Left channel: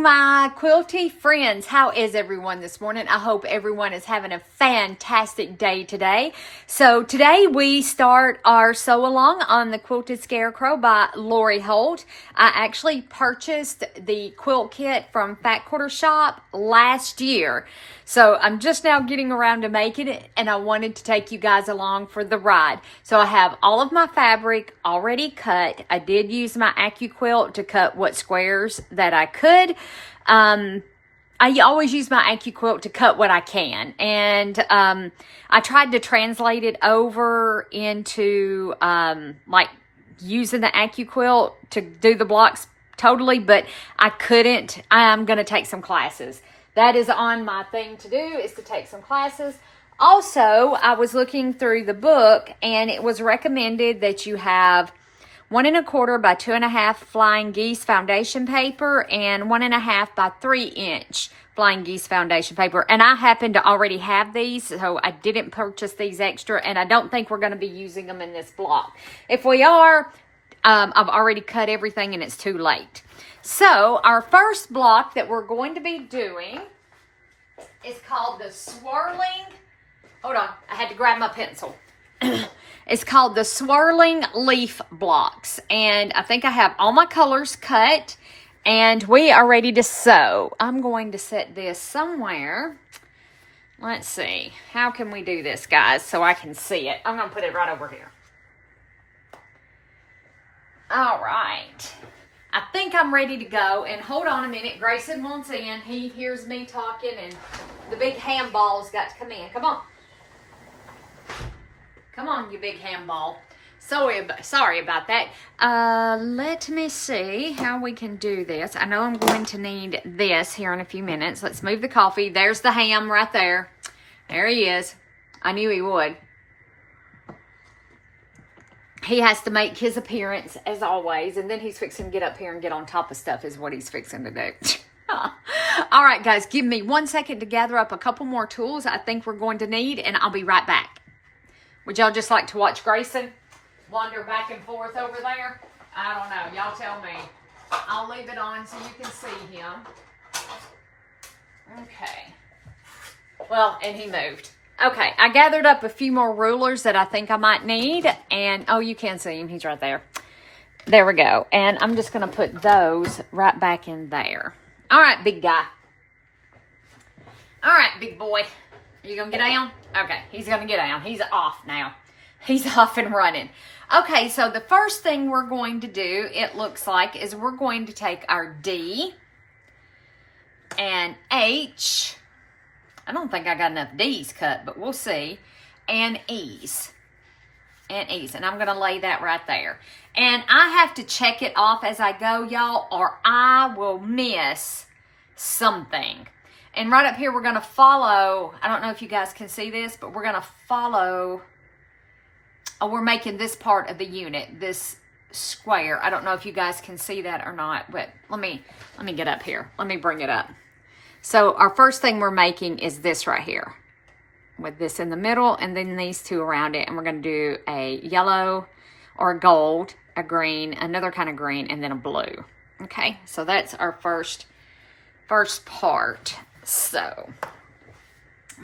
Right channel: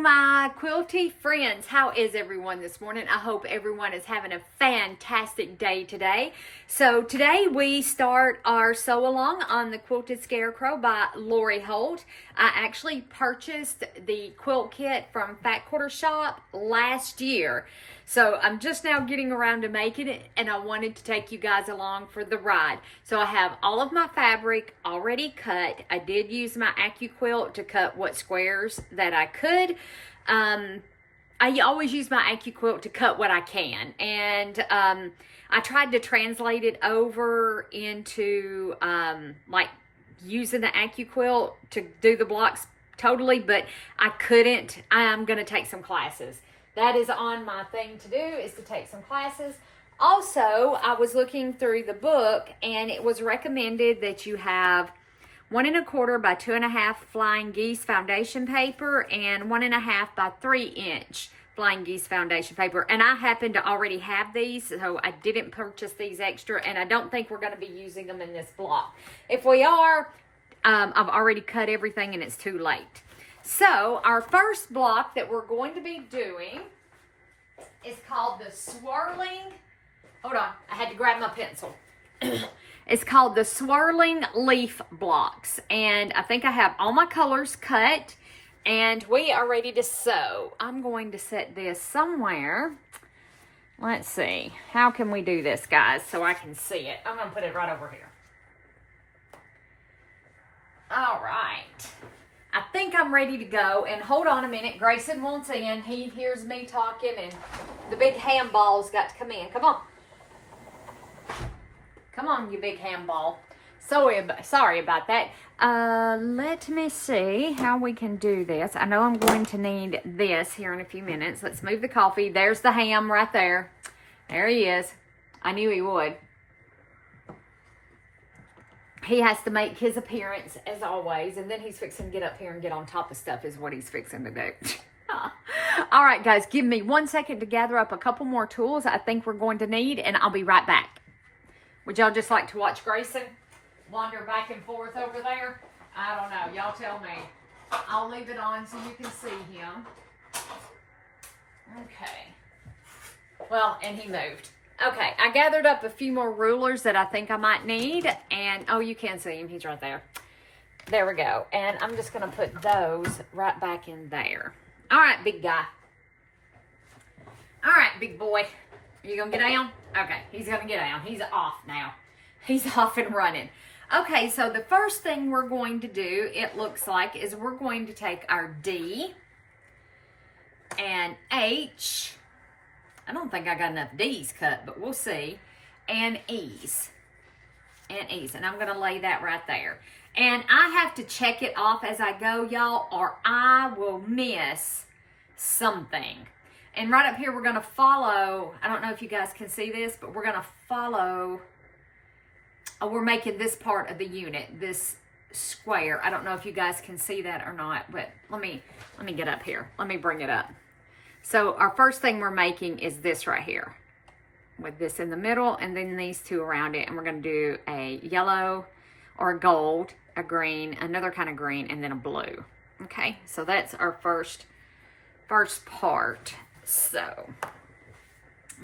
morning, my quilty friends. How is everyone this morning? I hope everyone is having a fantastic day today. So today we start our sew along on the Quilted Scarecrow by Lori Holt. I actually purchased the quilt kit from Fat Quarter Shop last year. So I'm just now getting around to making it, and I wanted to take you guys along for the ride. So I have all of my fabric already cut. I did use my AccuQuilt to cut what squares that I could. I always use my AccuQuilt to cut what I can. And I tried to translate it over into like using the AccuQuilt to do the blocks totally, but I couldn't. I am going to take some classes. That is on my thing to do, is to take some classes. Also, I was looking through the book, and it was recommended that you have 1 1/4 by 2.5 Flying Geese foundation paper and 1 1/2 by 3 inch Flying Geese foundation paper. And I happen to already have these, so I didn't purchase these extra, and I don't think we're going to be using them in this block. If we are, I've already cut everything and it's too late. So our first block that we're going to be doing is called the Swirling, hold on, I had to grab my pencil. It's called the Swirling Leaf blocks. And I think I have all my colors cut and we are ready to sew. I'm going to set this somewhere. Let's see, how can we do this, guys, so I can see it? I'm going to put it right over here. All right. I think I'm ready to go, and hold on a minute. Grayson wants in. He hears me talking, and the big handball's got to come in. Come on. Come on, you big handball. Sorry about that. Let me see how we can do this. I know I'm going to need this here in a few minutes. Let's move the coffee. There's the ham right there. There he is. I knew he would. He has to make his appearance as always, and then he's fixing to get up here and get on top of stuff is what he's fixing to do. All right, guys, give me 1 second to gather up a couple more tools I think we're going to need, and I'll be right back. Would y'all just like to watch Grayson wander back and forth over there? I don't know. Y'all tell me. I'll leave it on so you can see him. Okay. Well, and he moved. Okay, I gathered up a few more rulers that I think I might need. And, oh, you can see him. He's right there. There we go. And I'm just going to put those right back in there. All right, big guy. All right, big boy. Are you going to get down? Okay, he's going to get down. He's off now. He's off and running. Okay, so the first thing we're going to do, it looks like, is we're going to take our D and H. I don't think I got enough D's cut, but we'll see. And E's. And E's. And I'm going to lay that right there. And I have to check it off as I go, y'all, or I will miss something. And right up here, we're going to follow. I don't know if you guys can see this, but we're going to follow. Oh, we're making this part of the unit, this square. I don't know if you guys can see that or not, but let me get up here. Let me bring it up. So our first thing we're making is this right here with this in the middle and then these two around it. And we're going to do a yellow or a gold, a green, another kind of green, and then a blue. Okay, so that's our first part. So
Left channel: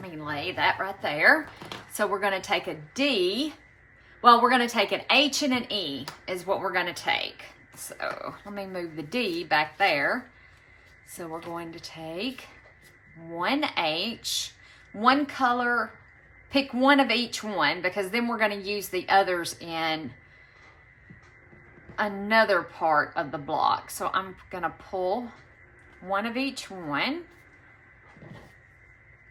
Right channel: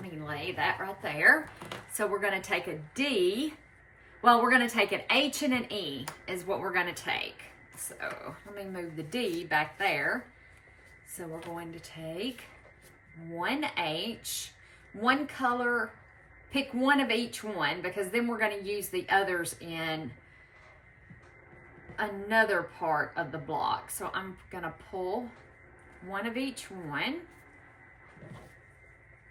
let me lay that right there. So we're going to take a D. Well, we're going to take an H and an E is what we're going to take. So let me move the D back there. So we're going to take one H, one color, pick one of each one, because then we're going to use the others in another part of the block. So I'm going to pull one of each one,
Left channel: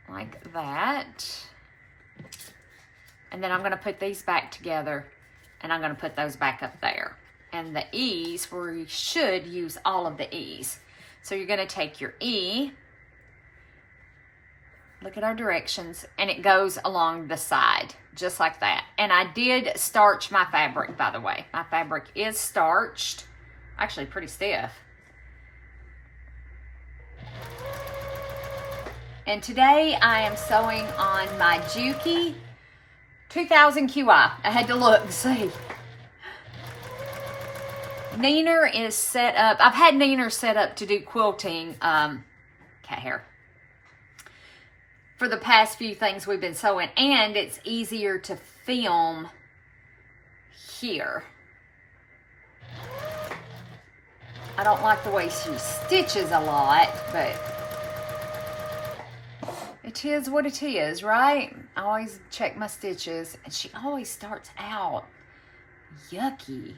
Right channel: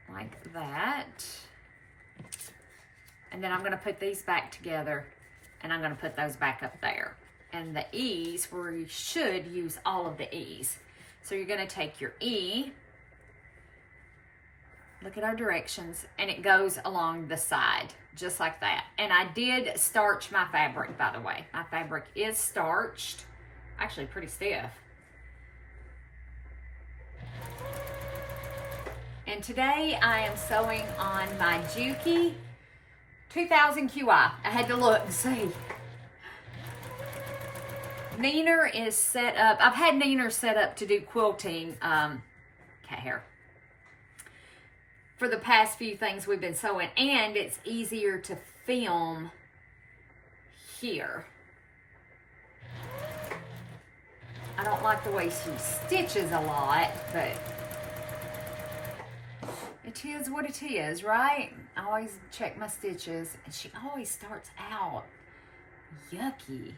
like that. And then I'm going to put these back together, and I'm going to put those back up there. And the E's, we should use all of the E's. So you're going to take your E, look at our directions, and it goes along the side, just like that. And I did starch my fabric, by the way. My fabric is starched, actually pretty stiff. And today I am sewing on my Juki 2000 QI. I had to look to see. Neener is set up. I've had Neener set up to do quilting, cat hair, for the past few things we've been sewing, and it's easier to film here. I don't like the way she stitches a lot, but it is what it is, right? I always check my stitches, and she always starts out yucky.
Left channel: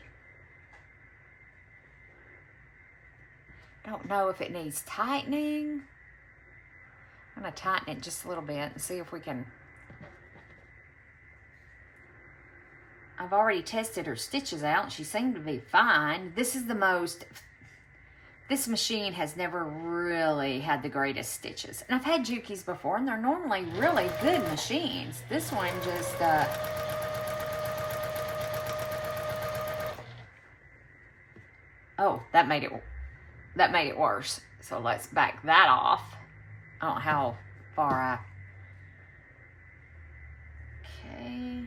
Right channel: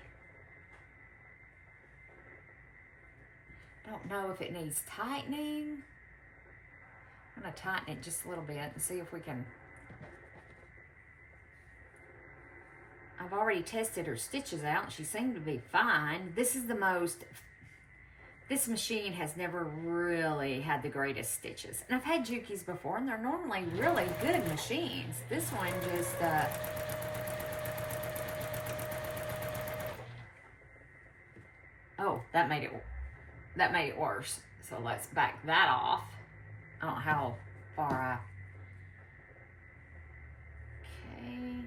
Don't know if it needs tightening. I'm going to tighten it just a little bit and see if we can. I've already tested her stitches out, and she seemed to be fine. This machine has never really had the greatest stitches. And I've had Juki's before, and they're normally really good machines. This one just, oh, that made it worse. So let's back that off. I don't know how far okay.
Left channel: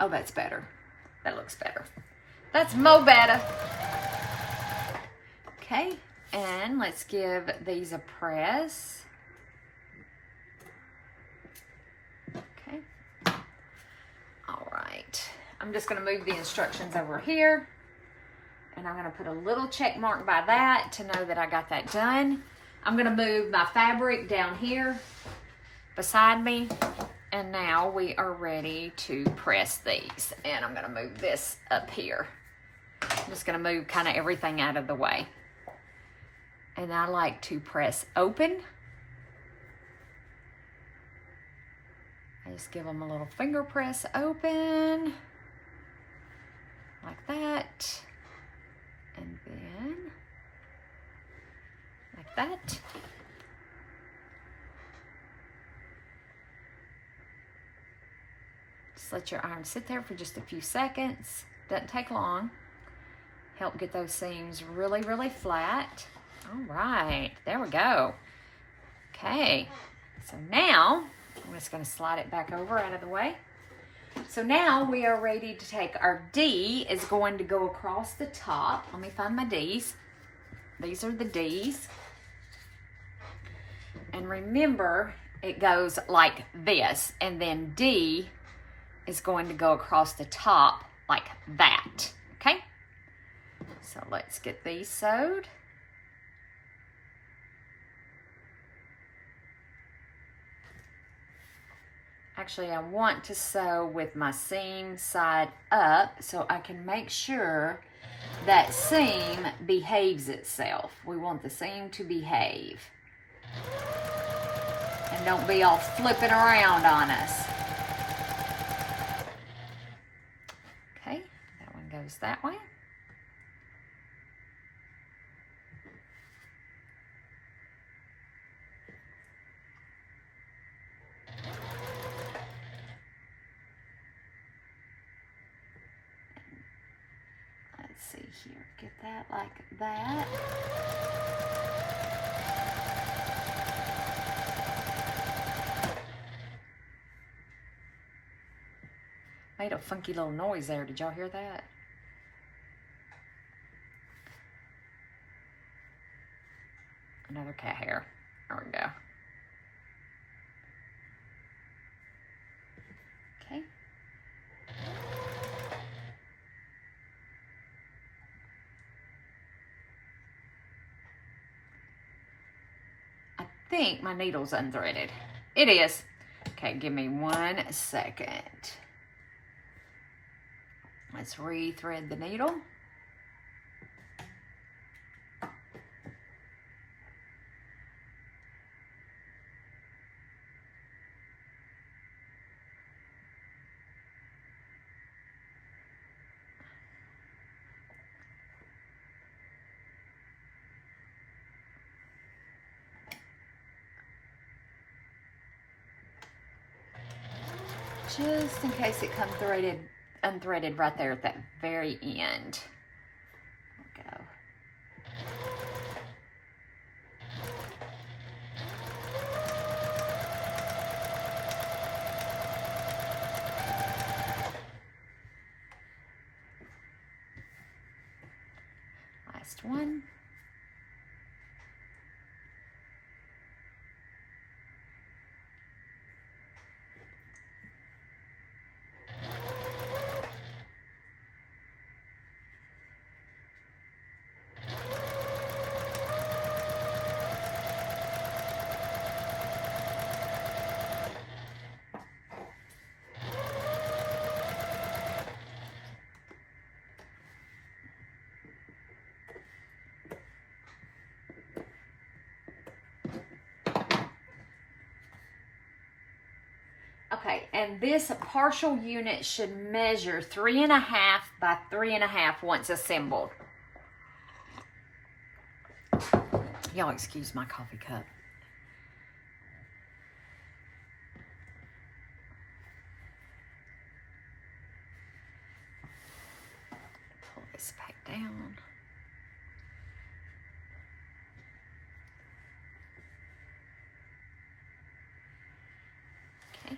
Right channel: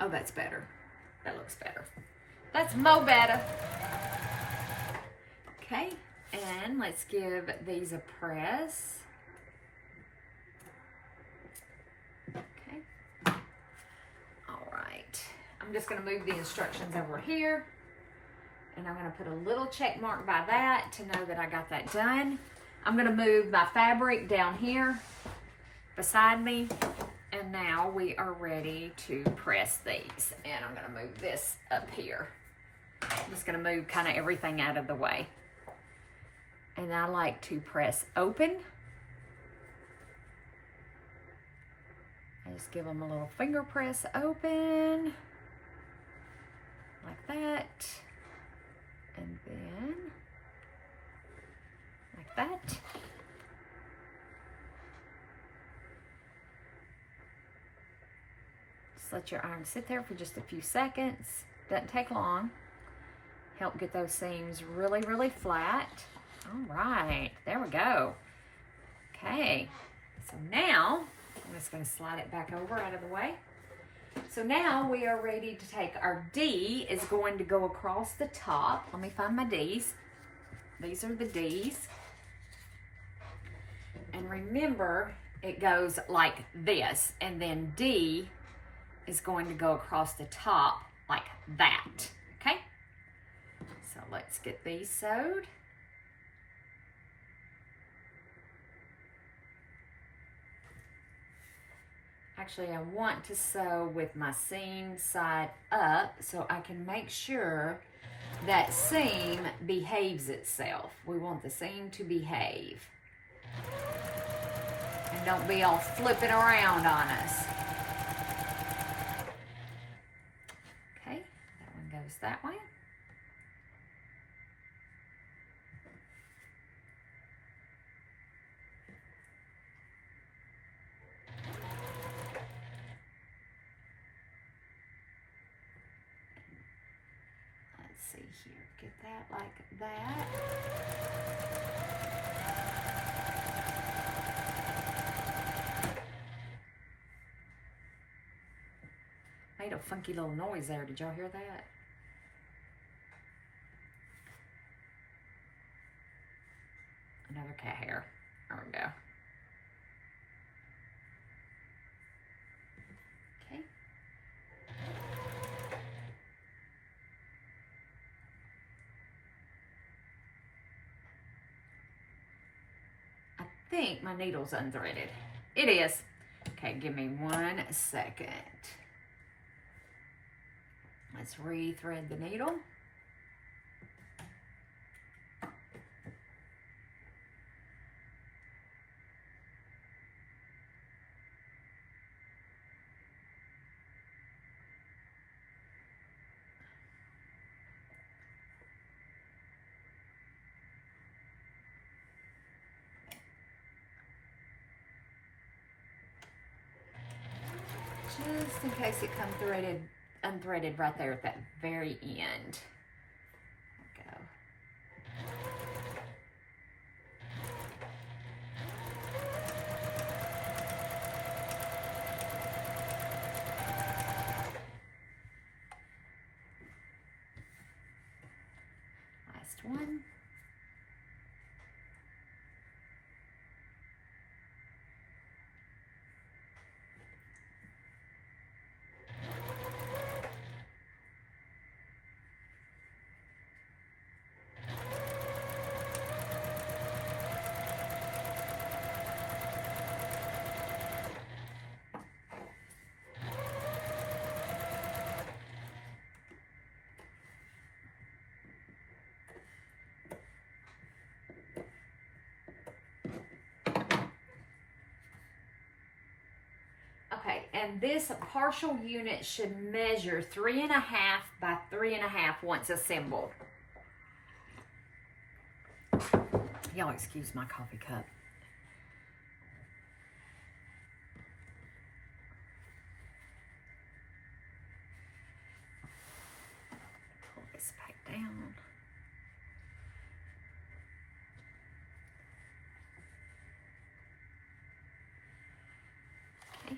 Oh, that's better. That looks better. That's mo better. Okay, and let's give these a press. Okay. All right. I'm just going to move the instructions over here, and I'm going to put a little check mark by that to know that I got that done. I'm going to move my fabric down here beside me. And now we are ready to press these. And I'm gonna move this up here. I'm just gonna move kind of everything out of the way. And I like to press open. I just give them a little finger press open. Like that. And then, like that. Let your iron sit there for just a few seconds. Doesn't take long. Help get those seams really, really flat. All right, there we go. Okay, so now I'm just going to slide it back over out of the way. So now we are ready to take our D is going to go across the top. Let me find my D's. These are the D's. And remember, it goes like this, and then D is going to go across the top like that, okay? So let's get these sewed. Actually, I want to sew with my seam side up so I can make sure that seam behaves itself. We want the seam to behave. And don't be all flipping around on us. Goes that way. Let's see here. Get that like that. Made a funky little noise there. Did y'all hear that? Another cat hair. There we go. Okay. I think my needle's unthreaded. It is. Okay, give me 1 second. Let's re-thread the needle. Just in case it comes unthreaded right there at that very end. There we go. Okay, and this partial unit should measure 3.5 by 3.5 once assembled. Y'all excuse my coffee cup. Pull this back down. Okay.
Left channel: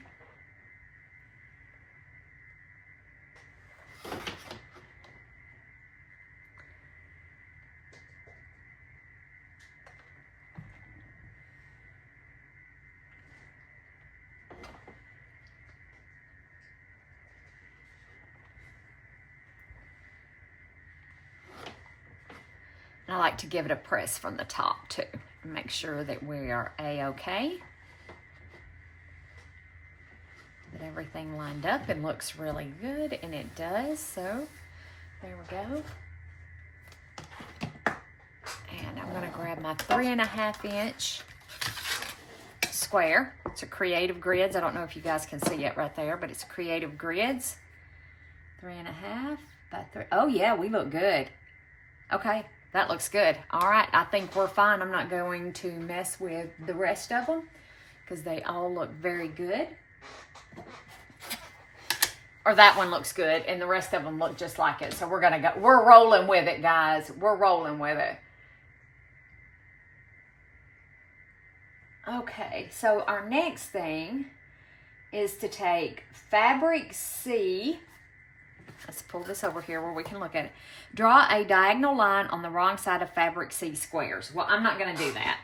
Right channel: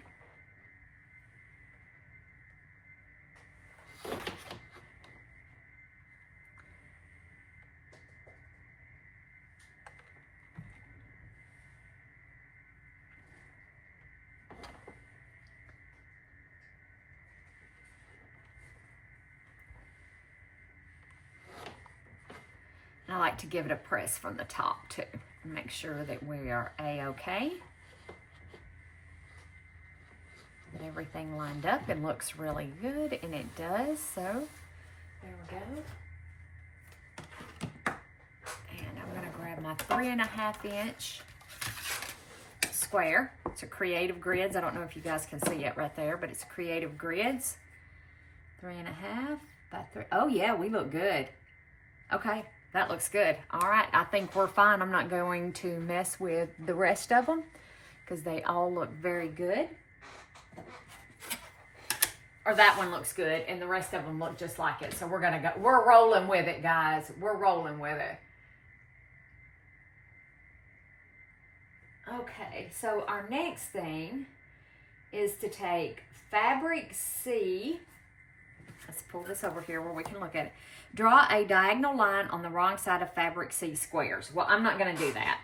I like to give it a press from the top too. Make sure that we are A-okay. That everything lined up and looks really good, and it does, so there we go. And I'm gonna grab my 3.5 inch square. It's a Creative Grids. I don't know if you guys can see it right there, but it's Creative Grids. 3.5 by 3. Oh yeah, we look good. Okay. That looks good. All right, I think we're fine. I'm not going to mess with the rest of them because they all look very good. Or that one looks good and the rest of them look just like it. So we're gonna go, we're rolling with it, guys. We're rolling with it. Okay, so our next thing is to take Fabric C. Let's pull this over here where we can look at it. Draw a diagonal line on the wrong side of Fabric C squares. Well, I'm not going to do that.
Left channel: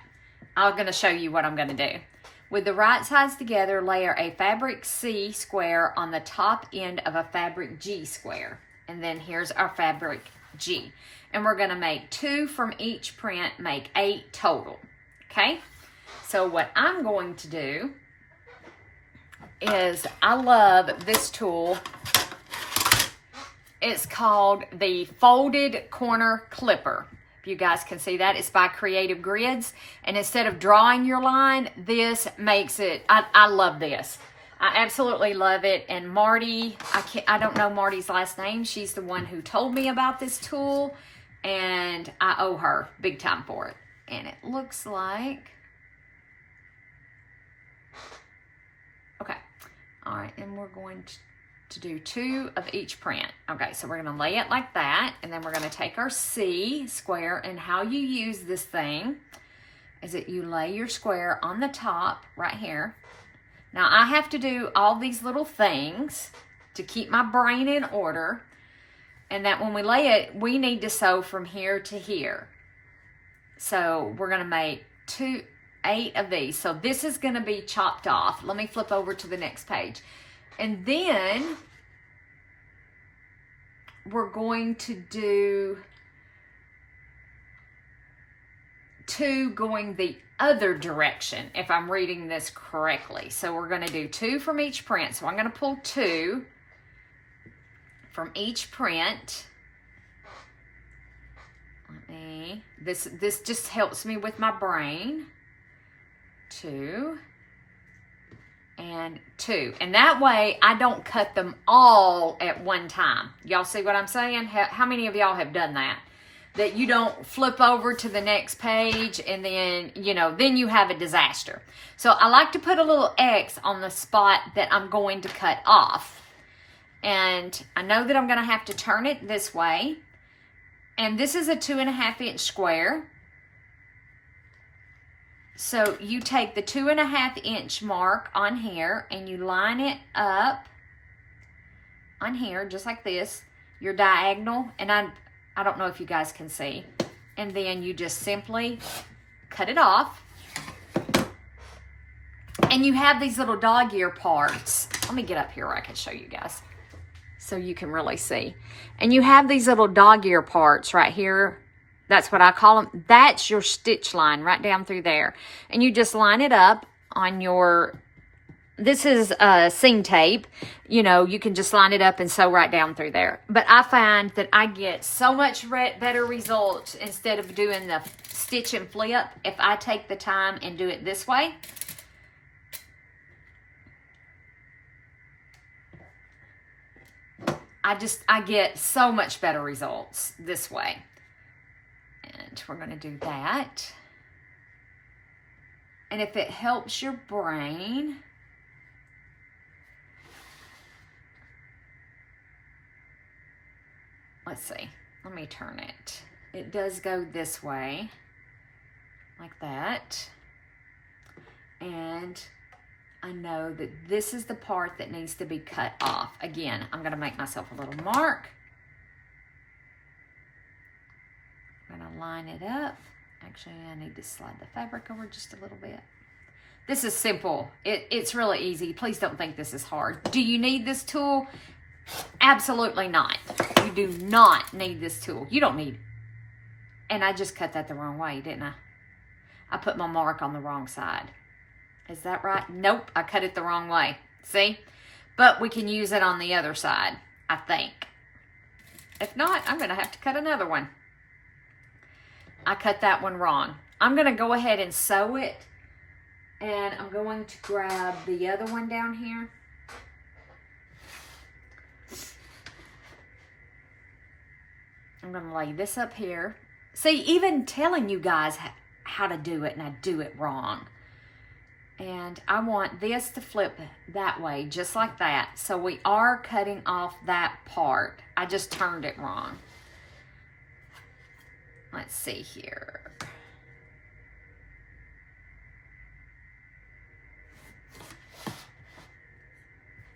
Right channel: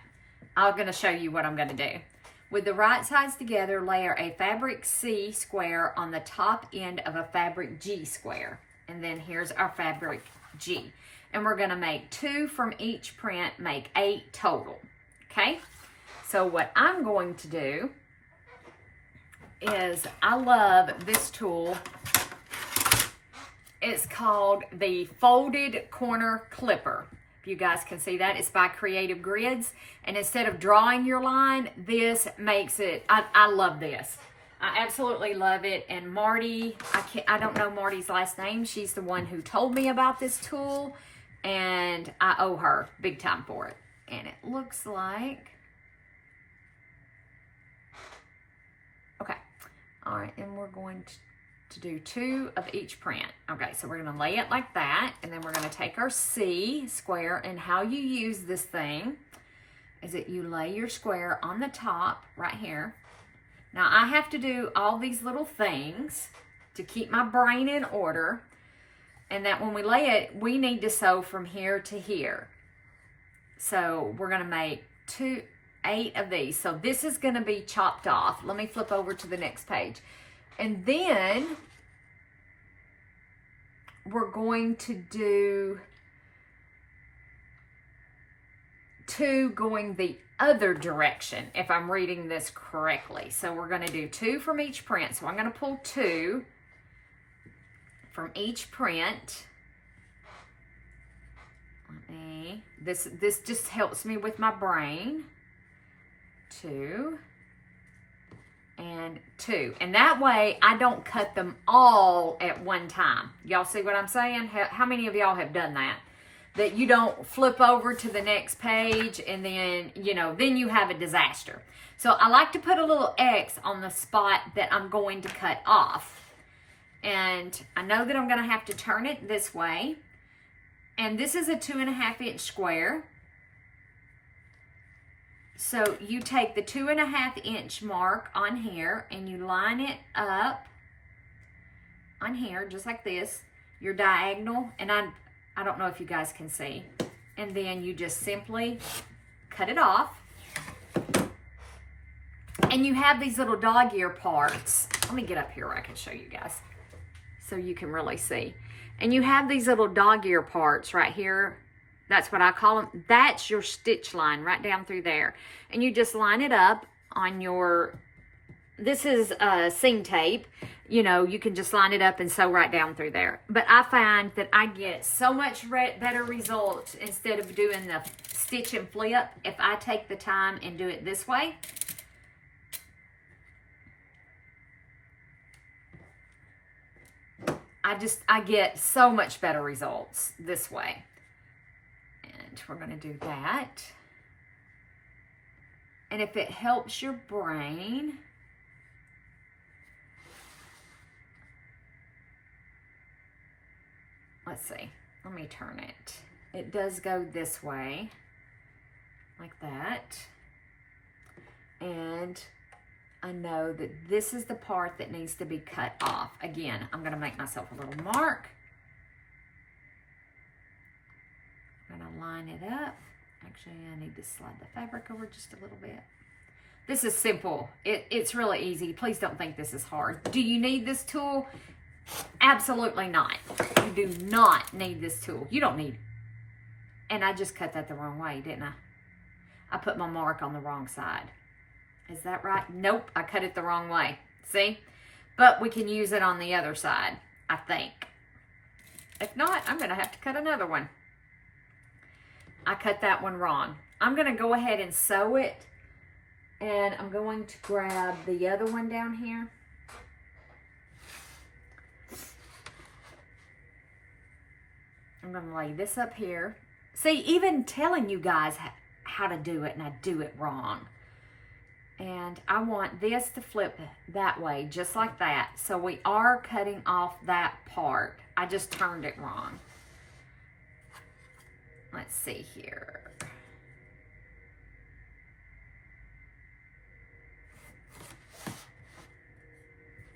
I'm going to show you what I'm going to do. With the right sides together, layer a Fabric C square on the top end of a Fabric G square. And then here's our Fabric G. And we're going to make 2 from each print, make 8 total. Okay? So what I'm going to do is, I love this tool. It's called the Folded Corner Clipper. If you guys can see that, it's by Creative Grids. And instead of drawing your line, this makes it, I love this. I absolutely love it. And Marty, I don't know Marty's last name. She's the one who told me about this tool. And I owe her big time for it. And it looks like, okay. All right, and we're going to do 2 of each print. Okay, so we're gonna lay it like that, and then we're gonna take our C square, and how you use this thing is that you lay your square on the top right here. Now I have to do all these little things to keep my brain in order, and that when we lay it, we need to sew from here to here. So we're gonna make 8 of these. So this is gonna be chopped off. Let me flip over to the next page. And then we're going to do 2 going the other direction, if I'm reading this correctly. So we're going to do 2 from each print. So I'm going to pull 2 from each print. This just helps me with my brain. 2 and 2, and that way I don't cut them all at one time. Y'all see what I'm saying? How many of y'all have done that? That you don't flip over to the next page and then, you know, then you have a disaster. So I like to put a little X on the spot that I'm going to cut off. And I know that I'm going to have to turn it this way. And this is a 2.5 inch square. So you take the 2.5 inch mark on here and you line it up on here just like this, your diagonal, and I don't know if you guys can see, and then you just simply cut it off. And you have these little dog ear parts. Let me get up here where I can show you guys so you can really see. And you have these little dog ear parts right here. That's what I call them. That's your stitch line right down through there. And you just line it up on your, this is seam tape. You know, you can just line it up and sew right down through there. But I find that I get so much better results instead of doing the stitch and flip if I take the time and do it this way. I get so much better results this way. And we're going to do that. And if it helps your brain, let's see, let me turn it. It does go this way, like that. And I know that this is the part that needs to be cut off. Again, I'm gonna make myself a little mark. I'm gonna line it up. Actually, I need to slide the fabric over just a little bit. This is simple. It's really easy. Please don't think this is hard. Do you need this tool? Absolutely not. You do not need this tool. You don't need it. And I just cut that the wrong way, didn't I? I put my mark on the wrong side. Is that right? Nope, I cut it the wrong way. See? But we can use it on the other side, I think. If not, I'm going to have to cut another one. I cut that one wrong. I'm going to go ahead and sew it. And I'm going to grab the other one down here. I'm going to lay this up here. See, even telling you guys how to do it, and I do it wrong. And I want this to flip that way, just like that. So we are cutting off that part. I just turned it wrong. Let's see here.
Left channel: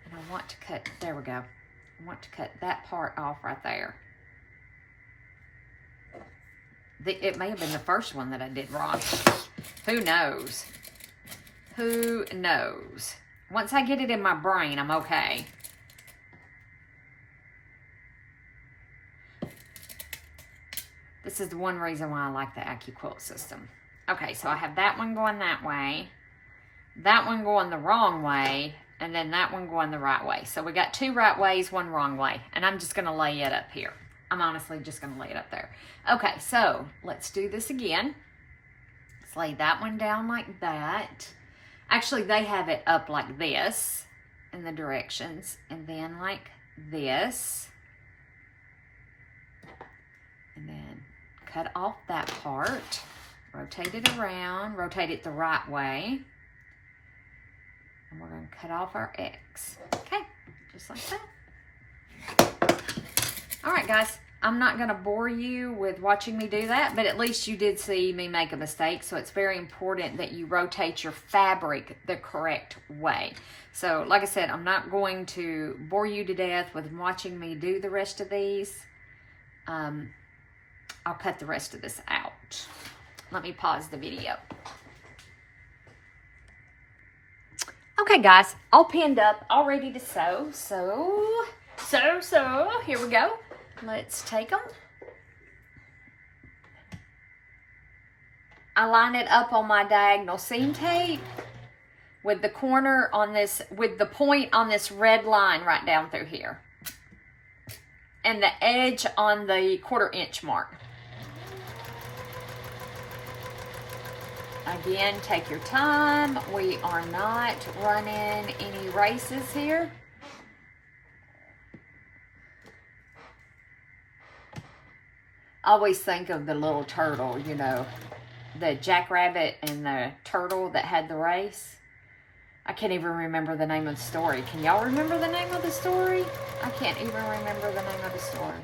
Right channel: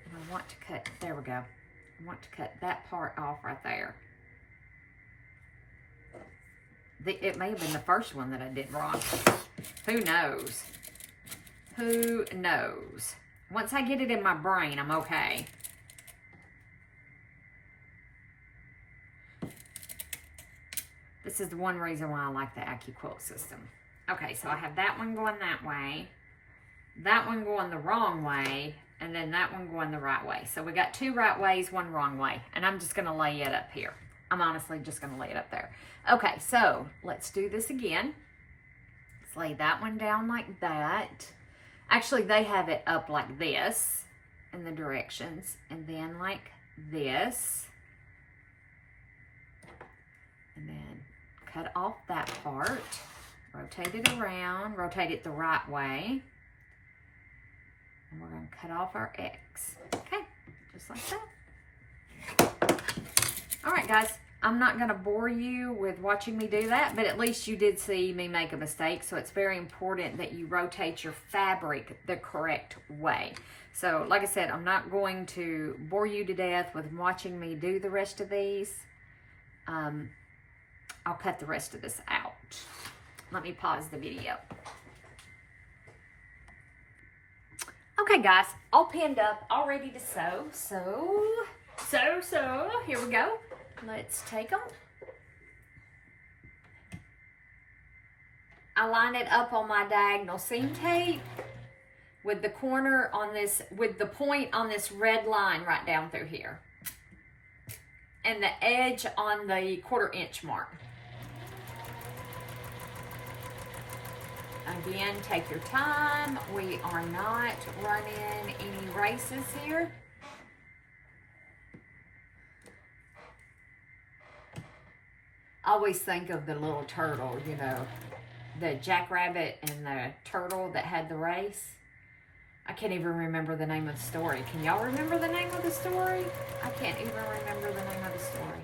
And I want to cut, there we go. I want to cut that part off right there. It may have been the first one that I did wrong. Who knows? Who knows? Once I get it in my brain, I'm okay. This is the one reason why I like the AccuQuilt system. Okay, so I have that one going that way, that one going the wrong way, and then that one going the right way. So we got two right ways, one wrong way, and I'm just gonna lay it up here. I'm honestly just gonna lay it up there. Okay, so let's do this again. Let's lay that one down like that. Actually, they have it up like this in the directions, and then like this. And then cut off that part, rotate it around, rotate it the right way. And we're gonna cut off our X. Okay, just like that. All right, guys, I'm not gonna bore you with watching me do that, but at least you did see me make a mistake. So it's very important that you rotate your fabric the correct way. So like I said, I'm not going to bore you to death with watching me do the rest of these. I'll cut the rest of this out. Let me pause the video. Okay, guys, all pinned up, all ready to sew. So, here we go. Let's take them. I line it up on my diagonal seam tape with the corner on this, with the point on this red line right down through here. And the edge on the 1/4 inch mark. Again, take your time. We are not running any races here. I always think of the little turtle, you know, the jackrabbit and the turtle that had the race. I can't even remember the name of the story. Can y'all remember the name of the story? I can't even remember the name of the story.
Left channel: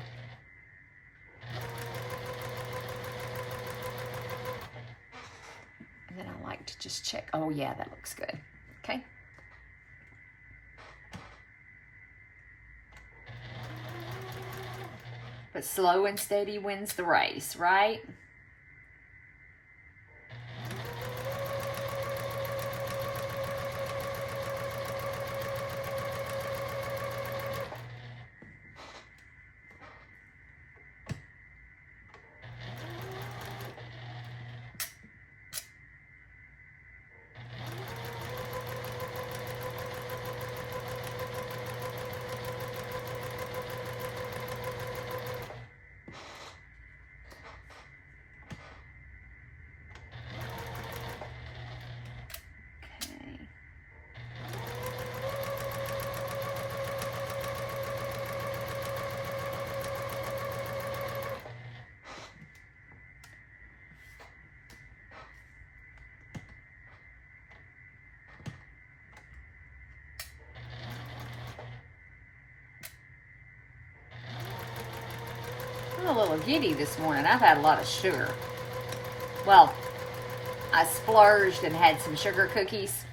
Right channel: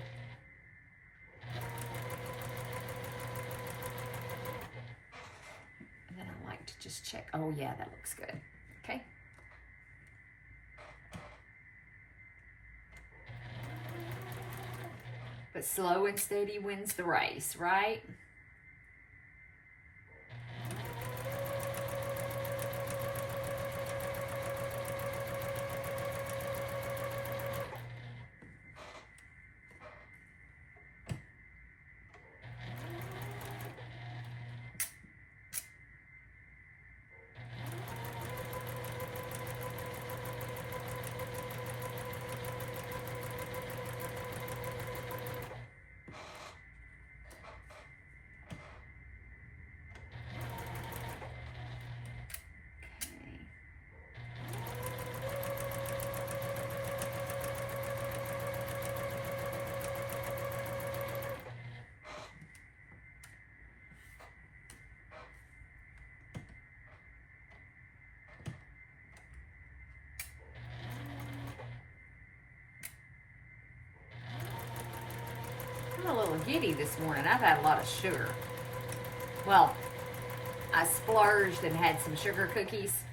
And then I like to just check. Oh yeah, that looks good. Okay. But slow and steady wins the race, right? little giddy this morning. I've had a lot of sugar. Well, I splurged and had some sugar cookies.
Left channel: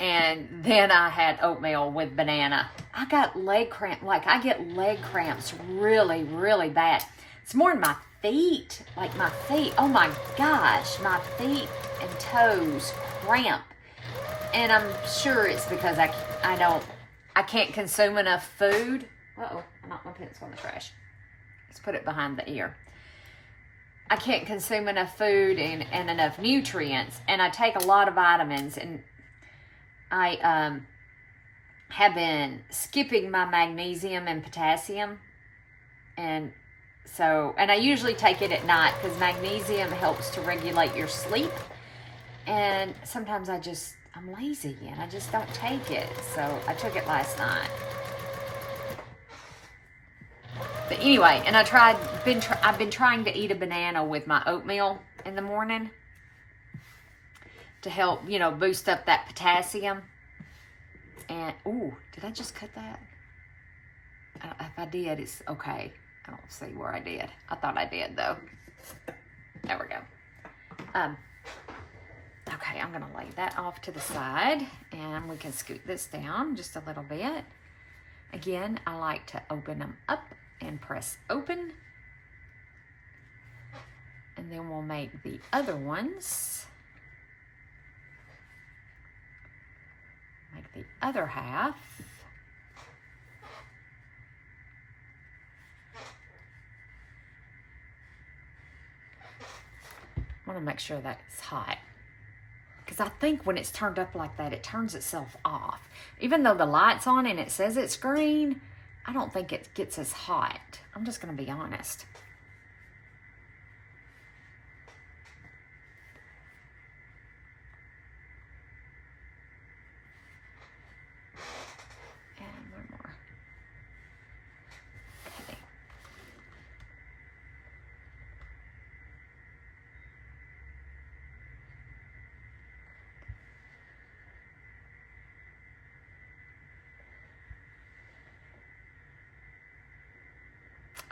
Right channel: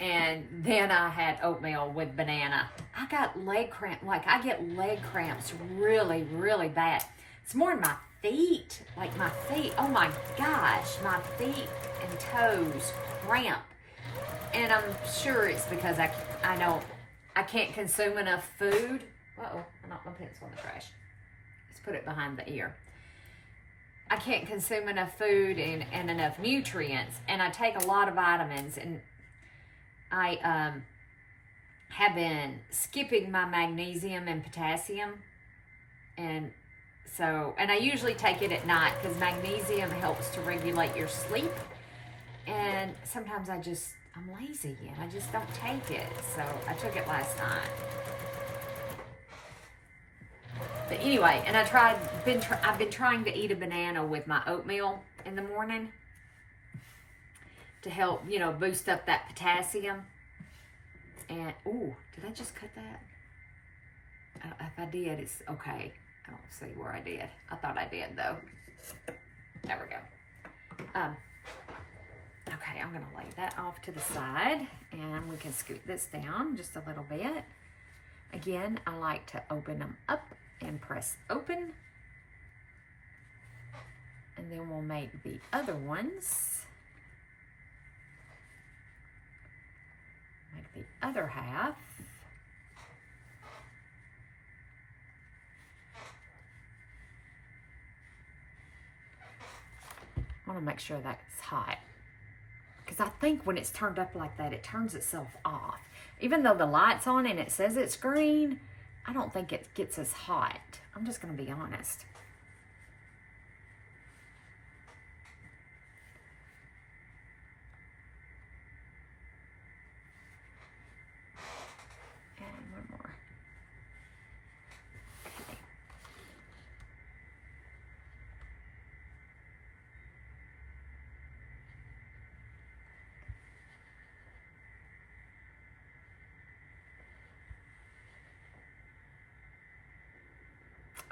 And then I had oatmeal with banana. I got leg cramp. Like, I get leg cramps really, really bad. It's more in my feet. Like, my feet. Oh, my gosh. My feet and toes cramp. And I'm sure it's because I can't consume enough food. Uh-oh, I knocked my pencil in the trash. Let's put it behind the ear. I can't consume enough food and enough nutrients, and I take a lot of vitamins, and I have been skipping my magnesium and potassium, and I usually take it at night because magnesium helps to regulate your sleep, and sometimes I'm lazy and I just don't take it, so I took it last night. But anyway, and I've been trying to eat a banana with my oatmeal in the morning to help, boost up that potassium. And, ooh, did I just cut that? If I did, it's okay. I don't see where I did. I thought I did, though. There we go. Okay, I'm going to lay that off to the side, and we can scoot this down just a little bit. Again, I like to open them up and press open. And then we'll make the other ones. Make the other half. I want to make sure that's hot. Because I think when it's turned up like that, it turns itself off. Even though the light's on and it says it's green, I don't think it gets as hot. I'm just going to be honest. And one more. Okay.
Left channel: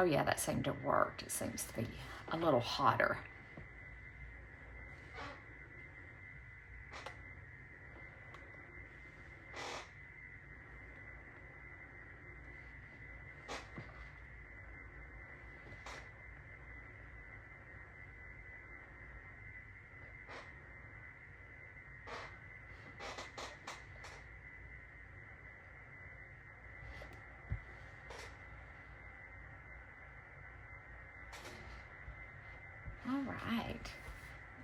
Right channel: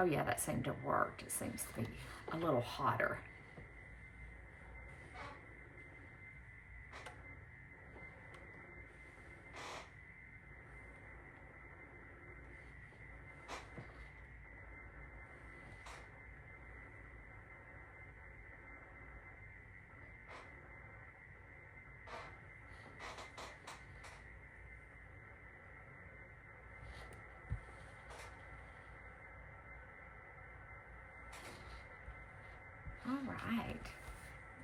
Oh yeah, that seemed to have worked. It seems to be a little hotter. All right.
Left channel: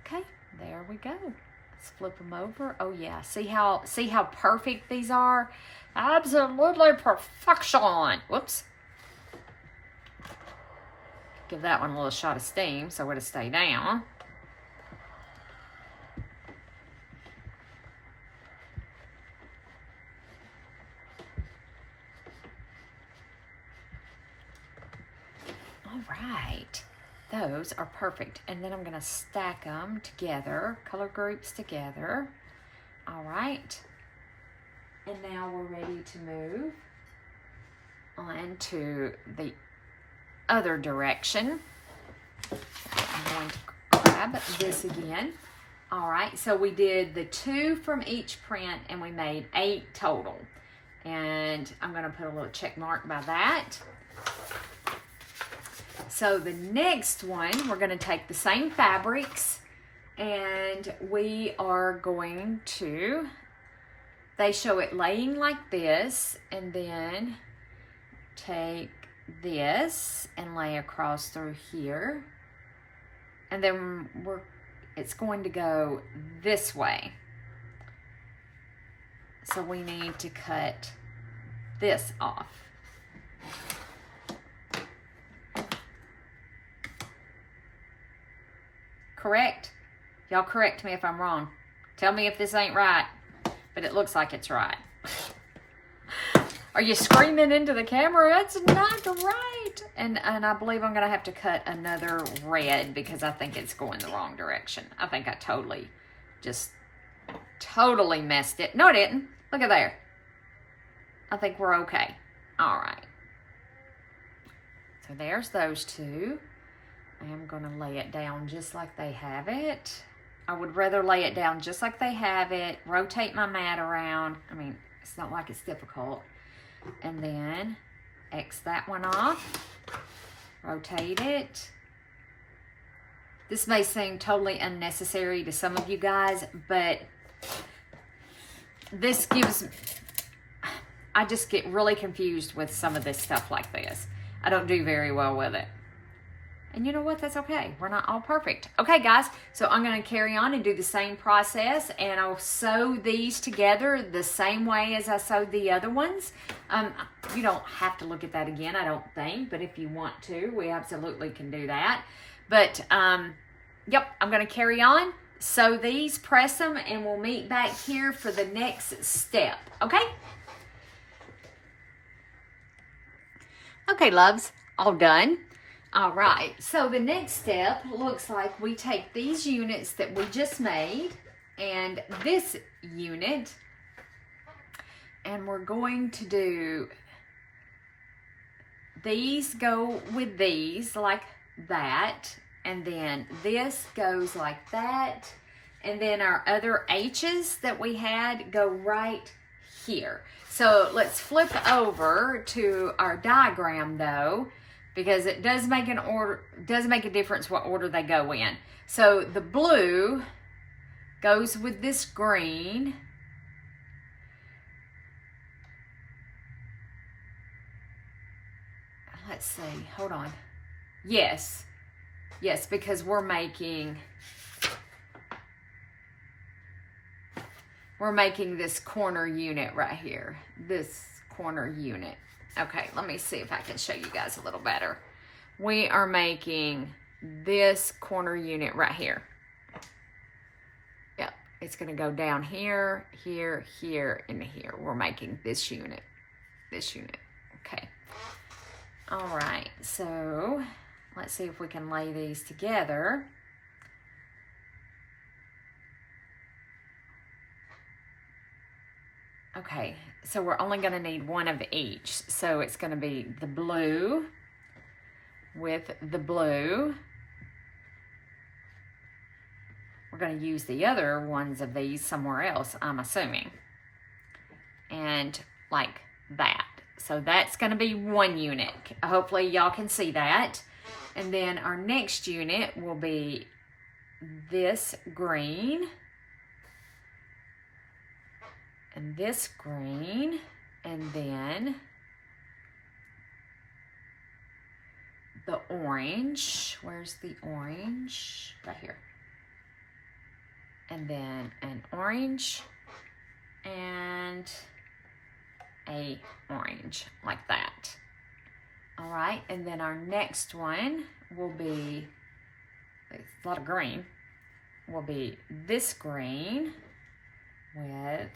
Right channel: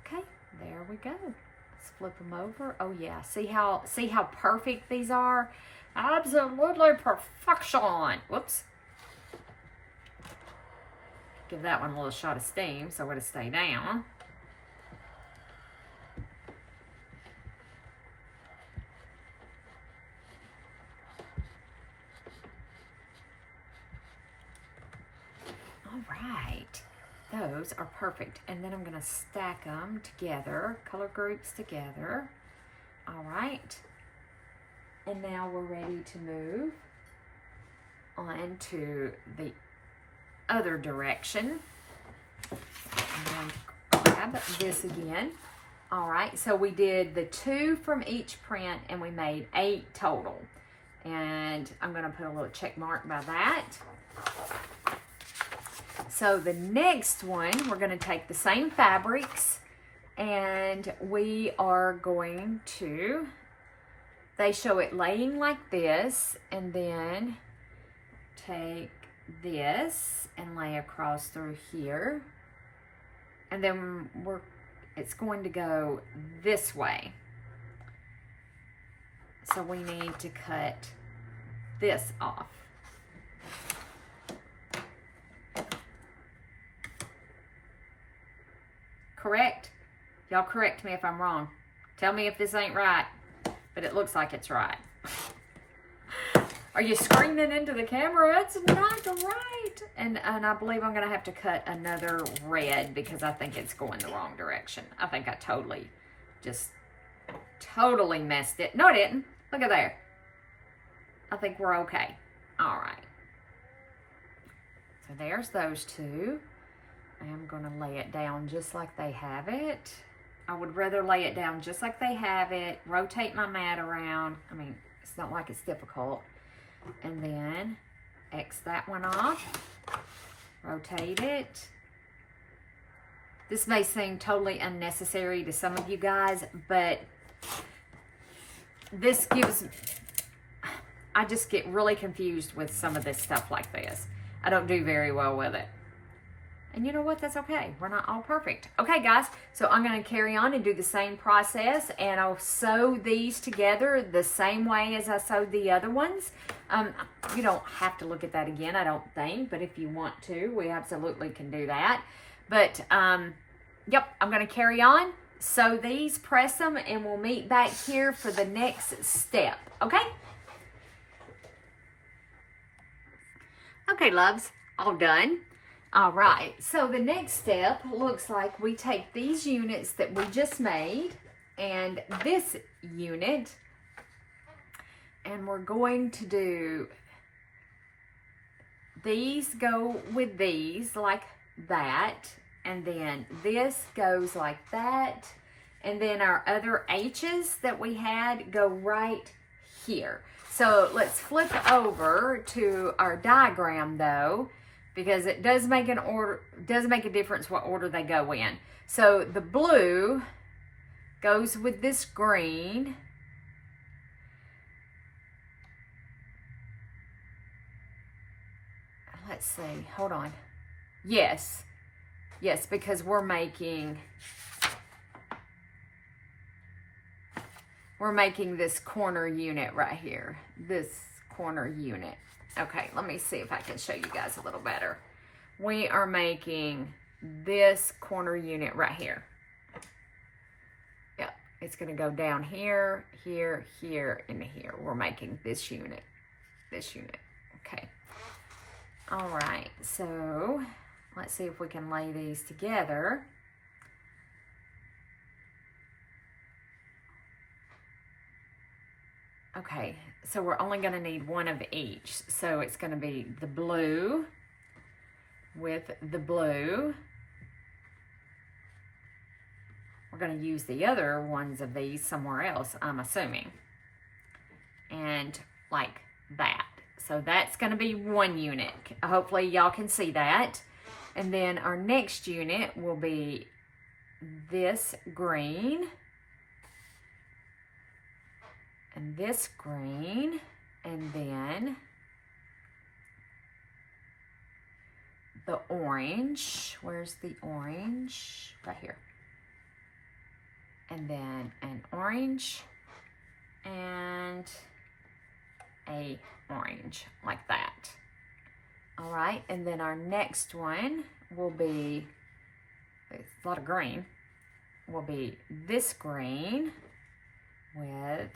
Okay, there we go. Let's flip them over. Oh yeah, see how perfect these are? Absolutely perfection. Whoops. Give that one a little shot of steam so it'll stay down. All right. Those are perfect. And then I'm going to stack them together, color groups together. All right. And now we're ready to move on to the other direction. I'm going to grab this again. All right. So we did the 2 from each print and we made 8 total. And I'm going to put a little check mark by that. So the next one, we're going to take the same fabrics and we are going to, they show it laying like this, and then take this and lay across through here. And then it's going to go this way. So we need to cut this off. Correct? Y'all correct me if I'm wrong. Tell me if this ain't right, but it looks like it's right. Are you screaming into the camera? It's not right. And I believe I'm going to have to cut another red because I think it's going the wrong direction. I think I totally messed it. No, I didn't. Look at there. I think we're okay. All right. So there's those 2. am going to lay it down just like they have it. I would rather lay it down just like they have it, rotate my mat around. I mean, it's not like it's difficult. And then X that one off, rotate it. This may seem totally unnecessary to some of you guys, but this gives, I just get really confused with some of this stuff like this. I don't do very well with it. And you know what? That's okay. We're not all perfect. Okay, guys. So I'm going to carry on and do the same process. And I'll sew these together the same way as I sewed the other ones. You don't have to look at that again, I don't think. But if you want to, we absolutely can do that. But, yep, I'm going to carry on, sew these, press them, and we'll meet back here for the next step. Okay? Okay, loves. All done. All right, so the next step looks like we take these units that we just made and this unit, and we're going to do these go with these like that, and then this goes like that, and then our other H's that we had go right here. So let's flip over to our diagram though, because it does make a difference what order they go in. So the blue goes with this green. Let's see, hold on. Yes, because we're making this corner unit right here, this corner unit. Okay, let me see if I can show you guys a little better. We are making this corner unit right here. Yep, it's going to go down here, here, here, and here. We're making this unit. Okay. All right, so let's see if we can lay these together. Okay, so we're only going to need one of each. So it's going to be the blue with the blue. We're going to use the other ones of these somewhere else, I'm assuming. And like that. So that's going to be one unit. Hopefully y'all can see that. And then our next unit will be this green. And this green, and then the orange. Where's the orange? Right here. And then an orange and a orange, like that. All right, and then our next one will be, it's a lot of green, will be this green with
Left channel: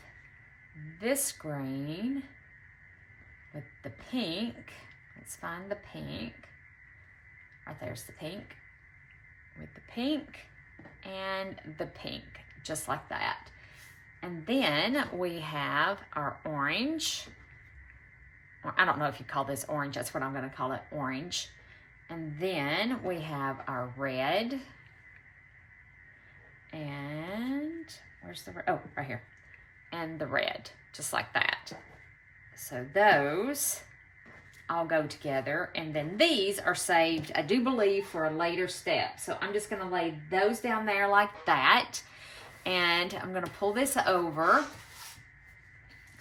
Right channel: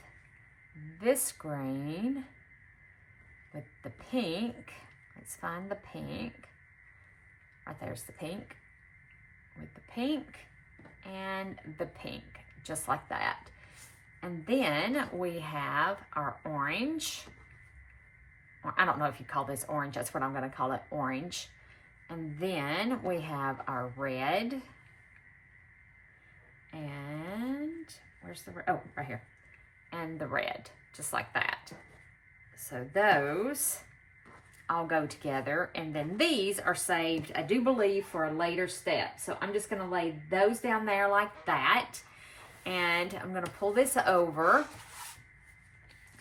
this green with the pink. Let's find the pink. Right there's the pink. With the pink and the pink, just like that. And then we have our orange. I don't know if you call this orange. That's what I'm going to call it, orange. And then we have our red. And where's the red? Oh, right here. And the red, just like that. So those all go together, and then these are saved, I do believe, for a later step. So I'm just going to lay those down there like that, and I'm going to pull this over.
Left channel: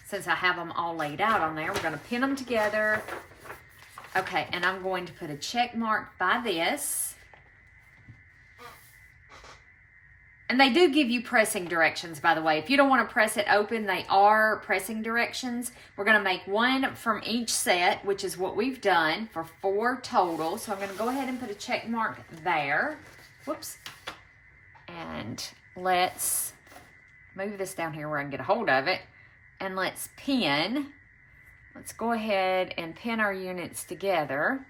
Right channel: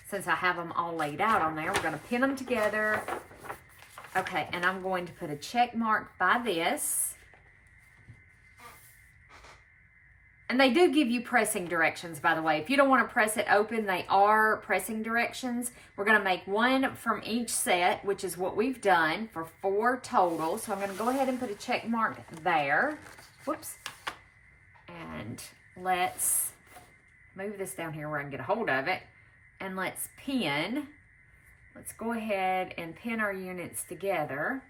Since I have them all laid out on there, we're going to pin them together. Okay, and I'm going to put a check mark by this. And they do give you pressing directions, by the way. If you don't want to press it open, they are pressing directions. We're going to make one from each set, which is what we've done for 4 total. So I'm going to go ahead and put a check mark there. Whoops. And let's move this down here where I can get a hold of it. And let's pin. Let's go ahead and pin our units together.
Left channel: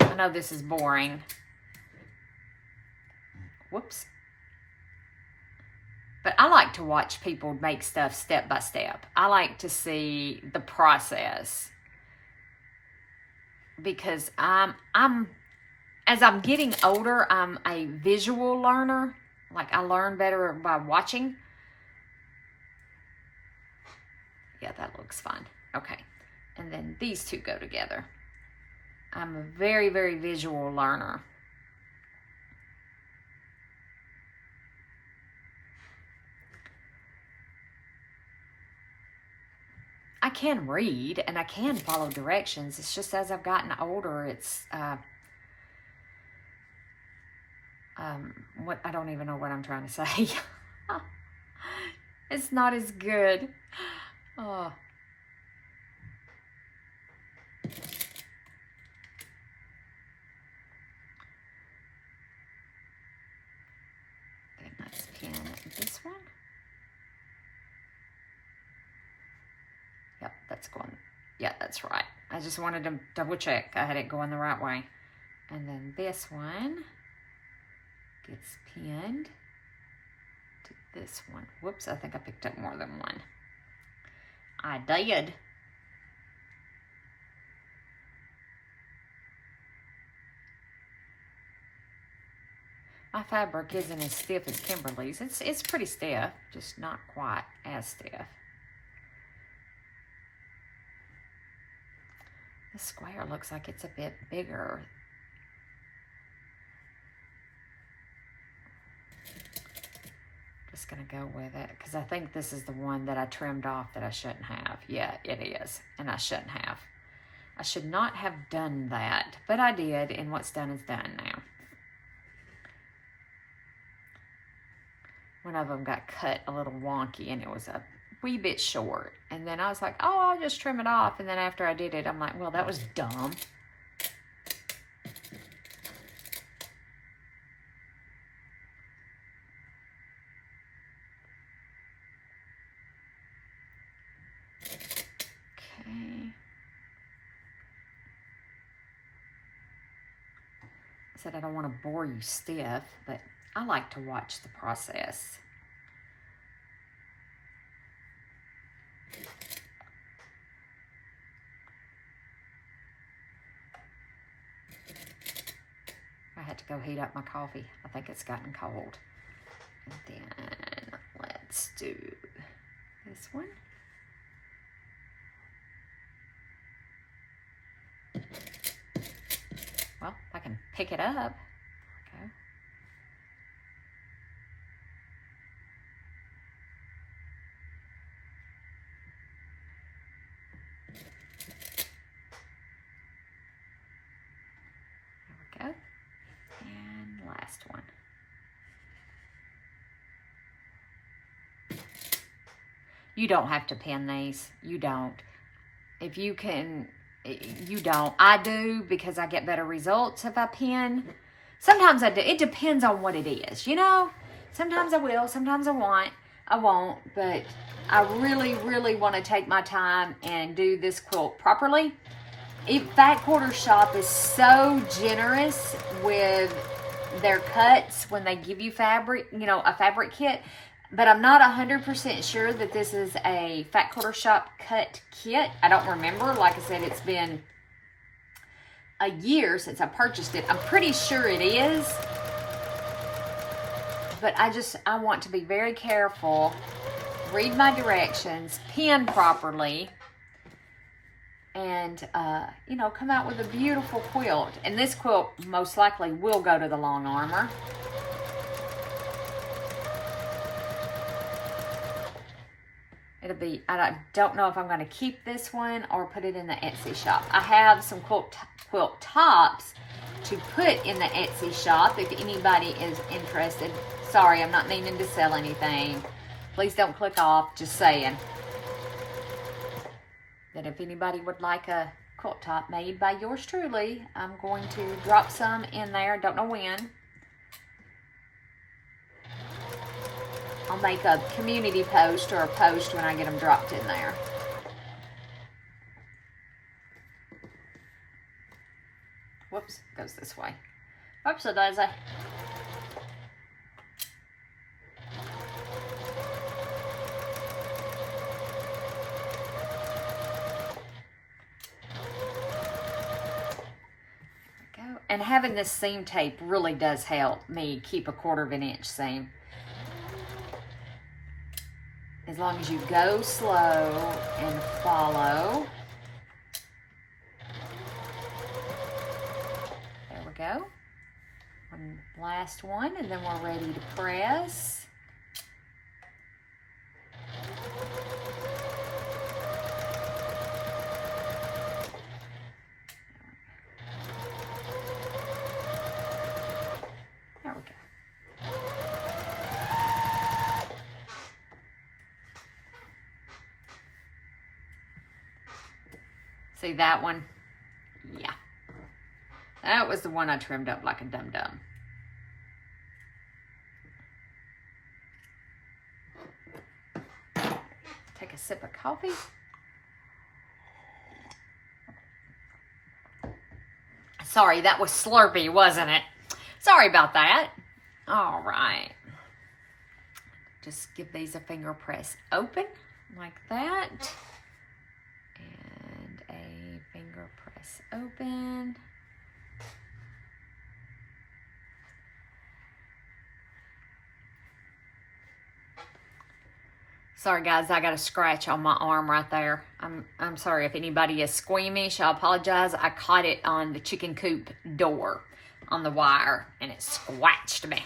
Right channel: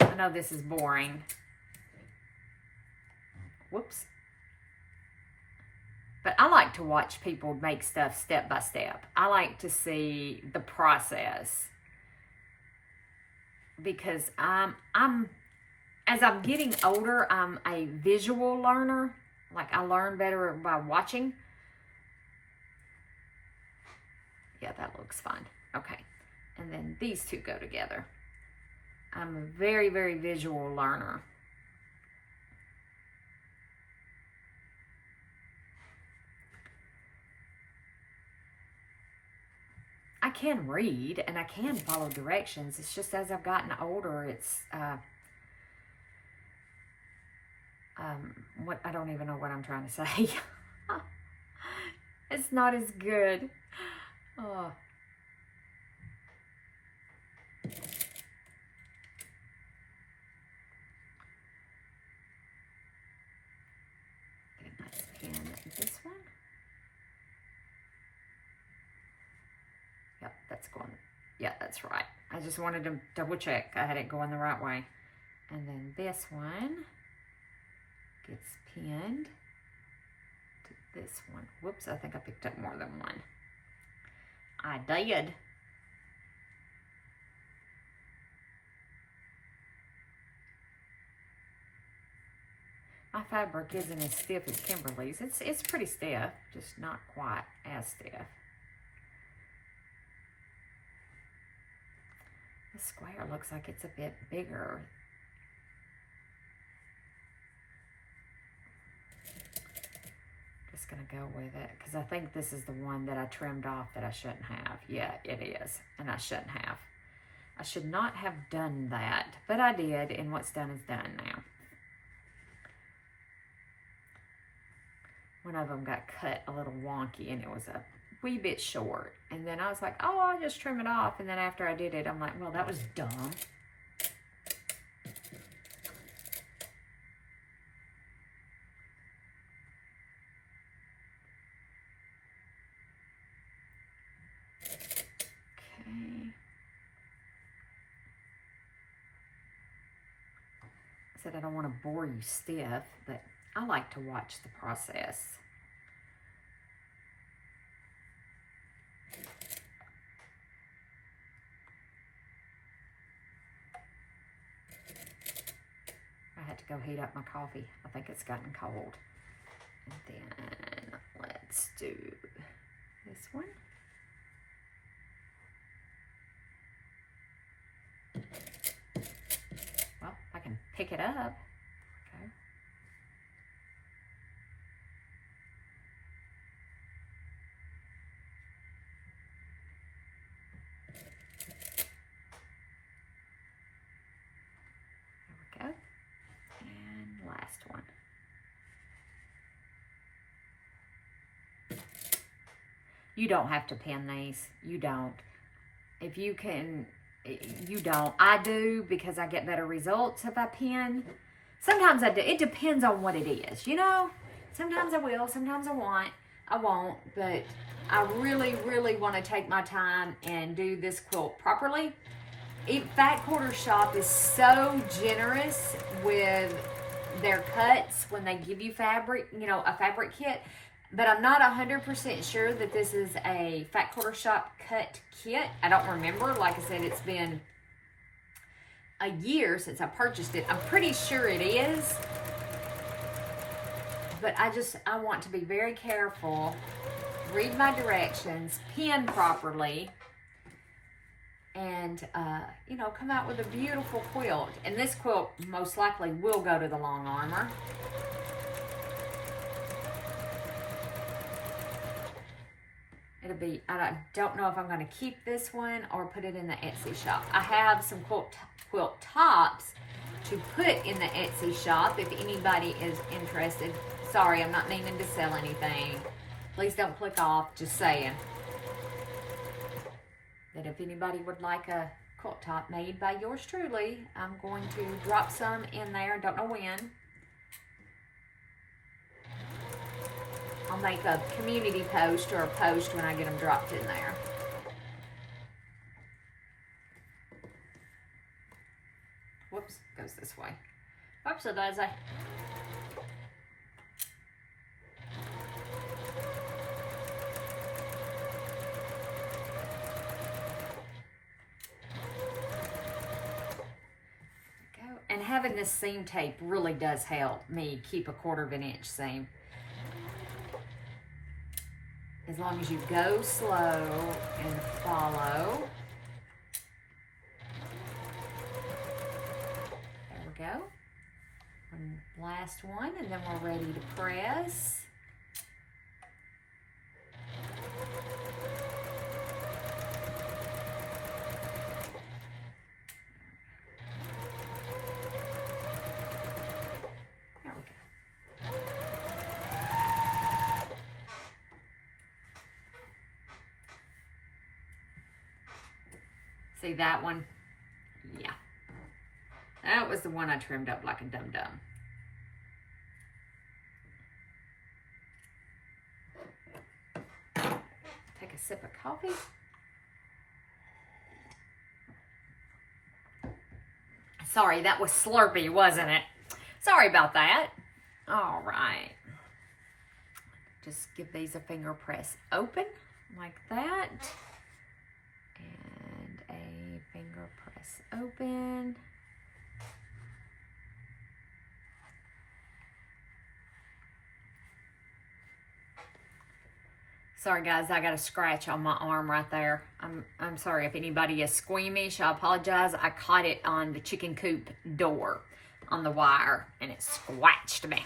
I know this is boring. Whoops. But I like to watch people make stuff step by step. I like to see the process, because I'm as I'm getting older, I'm a visual learner. Like, I learn better by watching. Yeah, that looks fun. Okay. And then these two go together. I'm a very, very visual learner. I can read and I can follow directions. It's just as I've gotten older, it's what, I don't even know what I'm trying to say. It's not as good. Oh. Then let's pin this one. Yep, that's going, yeah, that's right. I just wanted to double check I had it going the right way. And then this one gets pinned to this one. Whoops, I think I picked up more than one. I did. My fabric isn't as stiff as Kimberly's. It's pretty stiff, just not quite as stiff. The square looks like it's a bit bigger. Just gonna go with it because I think this is the one that I trimmed off that I shouldn't have. Yeah, it is, and I shouldn't have. I should not have done that, but I did, and what's done is done now. One of them got cut a little wonky, and it was a wee bit short. And then I was like, oh, I'll just trim it off. And then after I did it, I'm like, well, that was dumb. Okay. I said I don't want to bore you stiff, but I like to watch the process. I had to go heat up my coffee. I think it's gotten cold. And then let's do this one. Well, I can pick it up. There we go. There we go. And last one. You don't have to pin these. You don't. If you can, you don't. I do because I get better results if I pin. Sometimes I do. It depends on what it is, you know? Sometimes I will, sometimes I won't, but I really, really want to take my time and do this quilt properly. Fat Quarter Shop is so generous with their cuts when they give you fabric, you know, a fabric kit. But I'm not 100% sure that this is a Fat Quarter Shop cut kit. I don't remember. Like I said, it's been a year since I purchased it. I'm pretty sure it is. But I want to be very careful, read my directions, pin properly, and, you know, come out with a beautiful quilt. And this quilt most likely will go to the long armor. It'll be, I don't know if I'm going to keep this one or put it in the Etsy shop. I have some quilt tops to put in the Etsy shop if anybody is interested. Sorry, I'm not needing to sell anything. Please don't click off, just saying. That if anybody would like a quilt top made by yours truly, I'm going to drop some in there. Don't know when. I'll make a community post or a post when I get them dropped in there. Whoops, goes this way. Oops, it does. And And having this seam tape really does help me keep a 1/4 inch seam. As long as you go slow and follow. There we go. One last one, and then we're ready to press. There we go. See that one? Yeah. That was the one I trimmed up like a dum-dum. Take a sip of coffee. Sorry, that was slurpy, wasn't it? Sorry about that. All right. Just give these a finger press open like that. And a finger press open. Sorry guys, I got a scratch on my arm right there. I'm sorry if anybody is squeamish. I apologize. I caught it on the chicken coop door on the wire and it scratched me.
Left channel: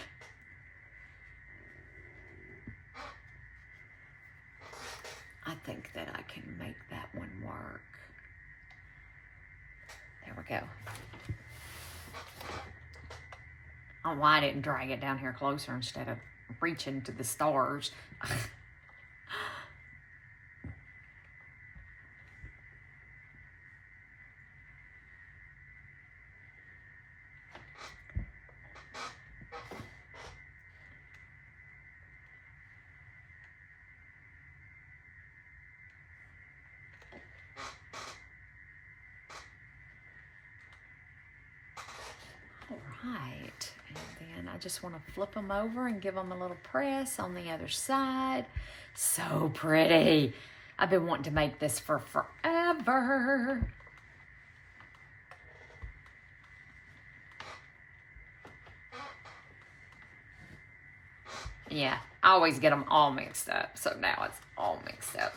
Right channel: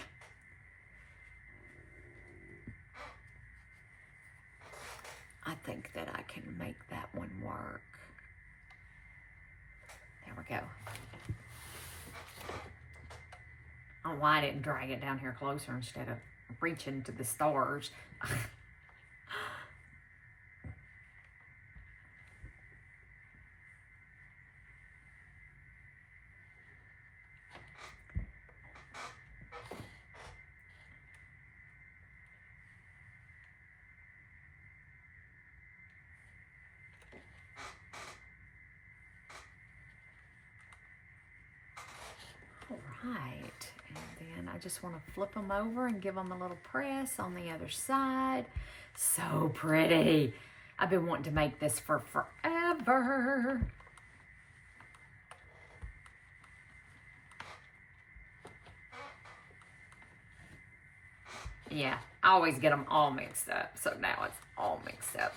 I think that I can make that one work. There we go. I don't know why I didn't drag it down here closer instead of reaching to the stars. Right, and then I just want to flip them over and give them a little press on the other side. So pretty. I've been wanting to make this for forever. Yeah, I always get them all mixed up, so now it's all mixed up.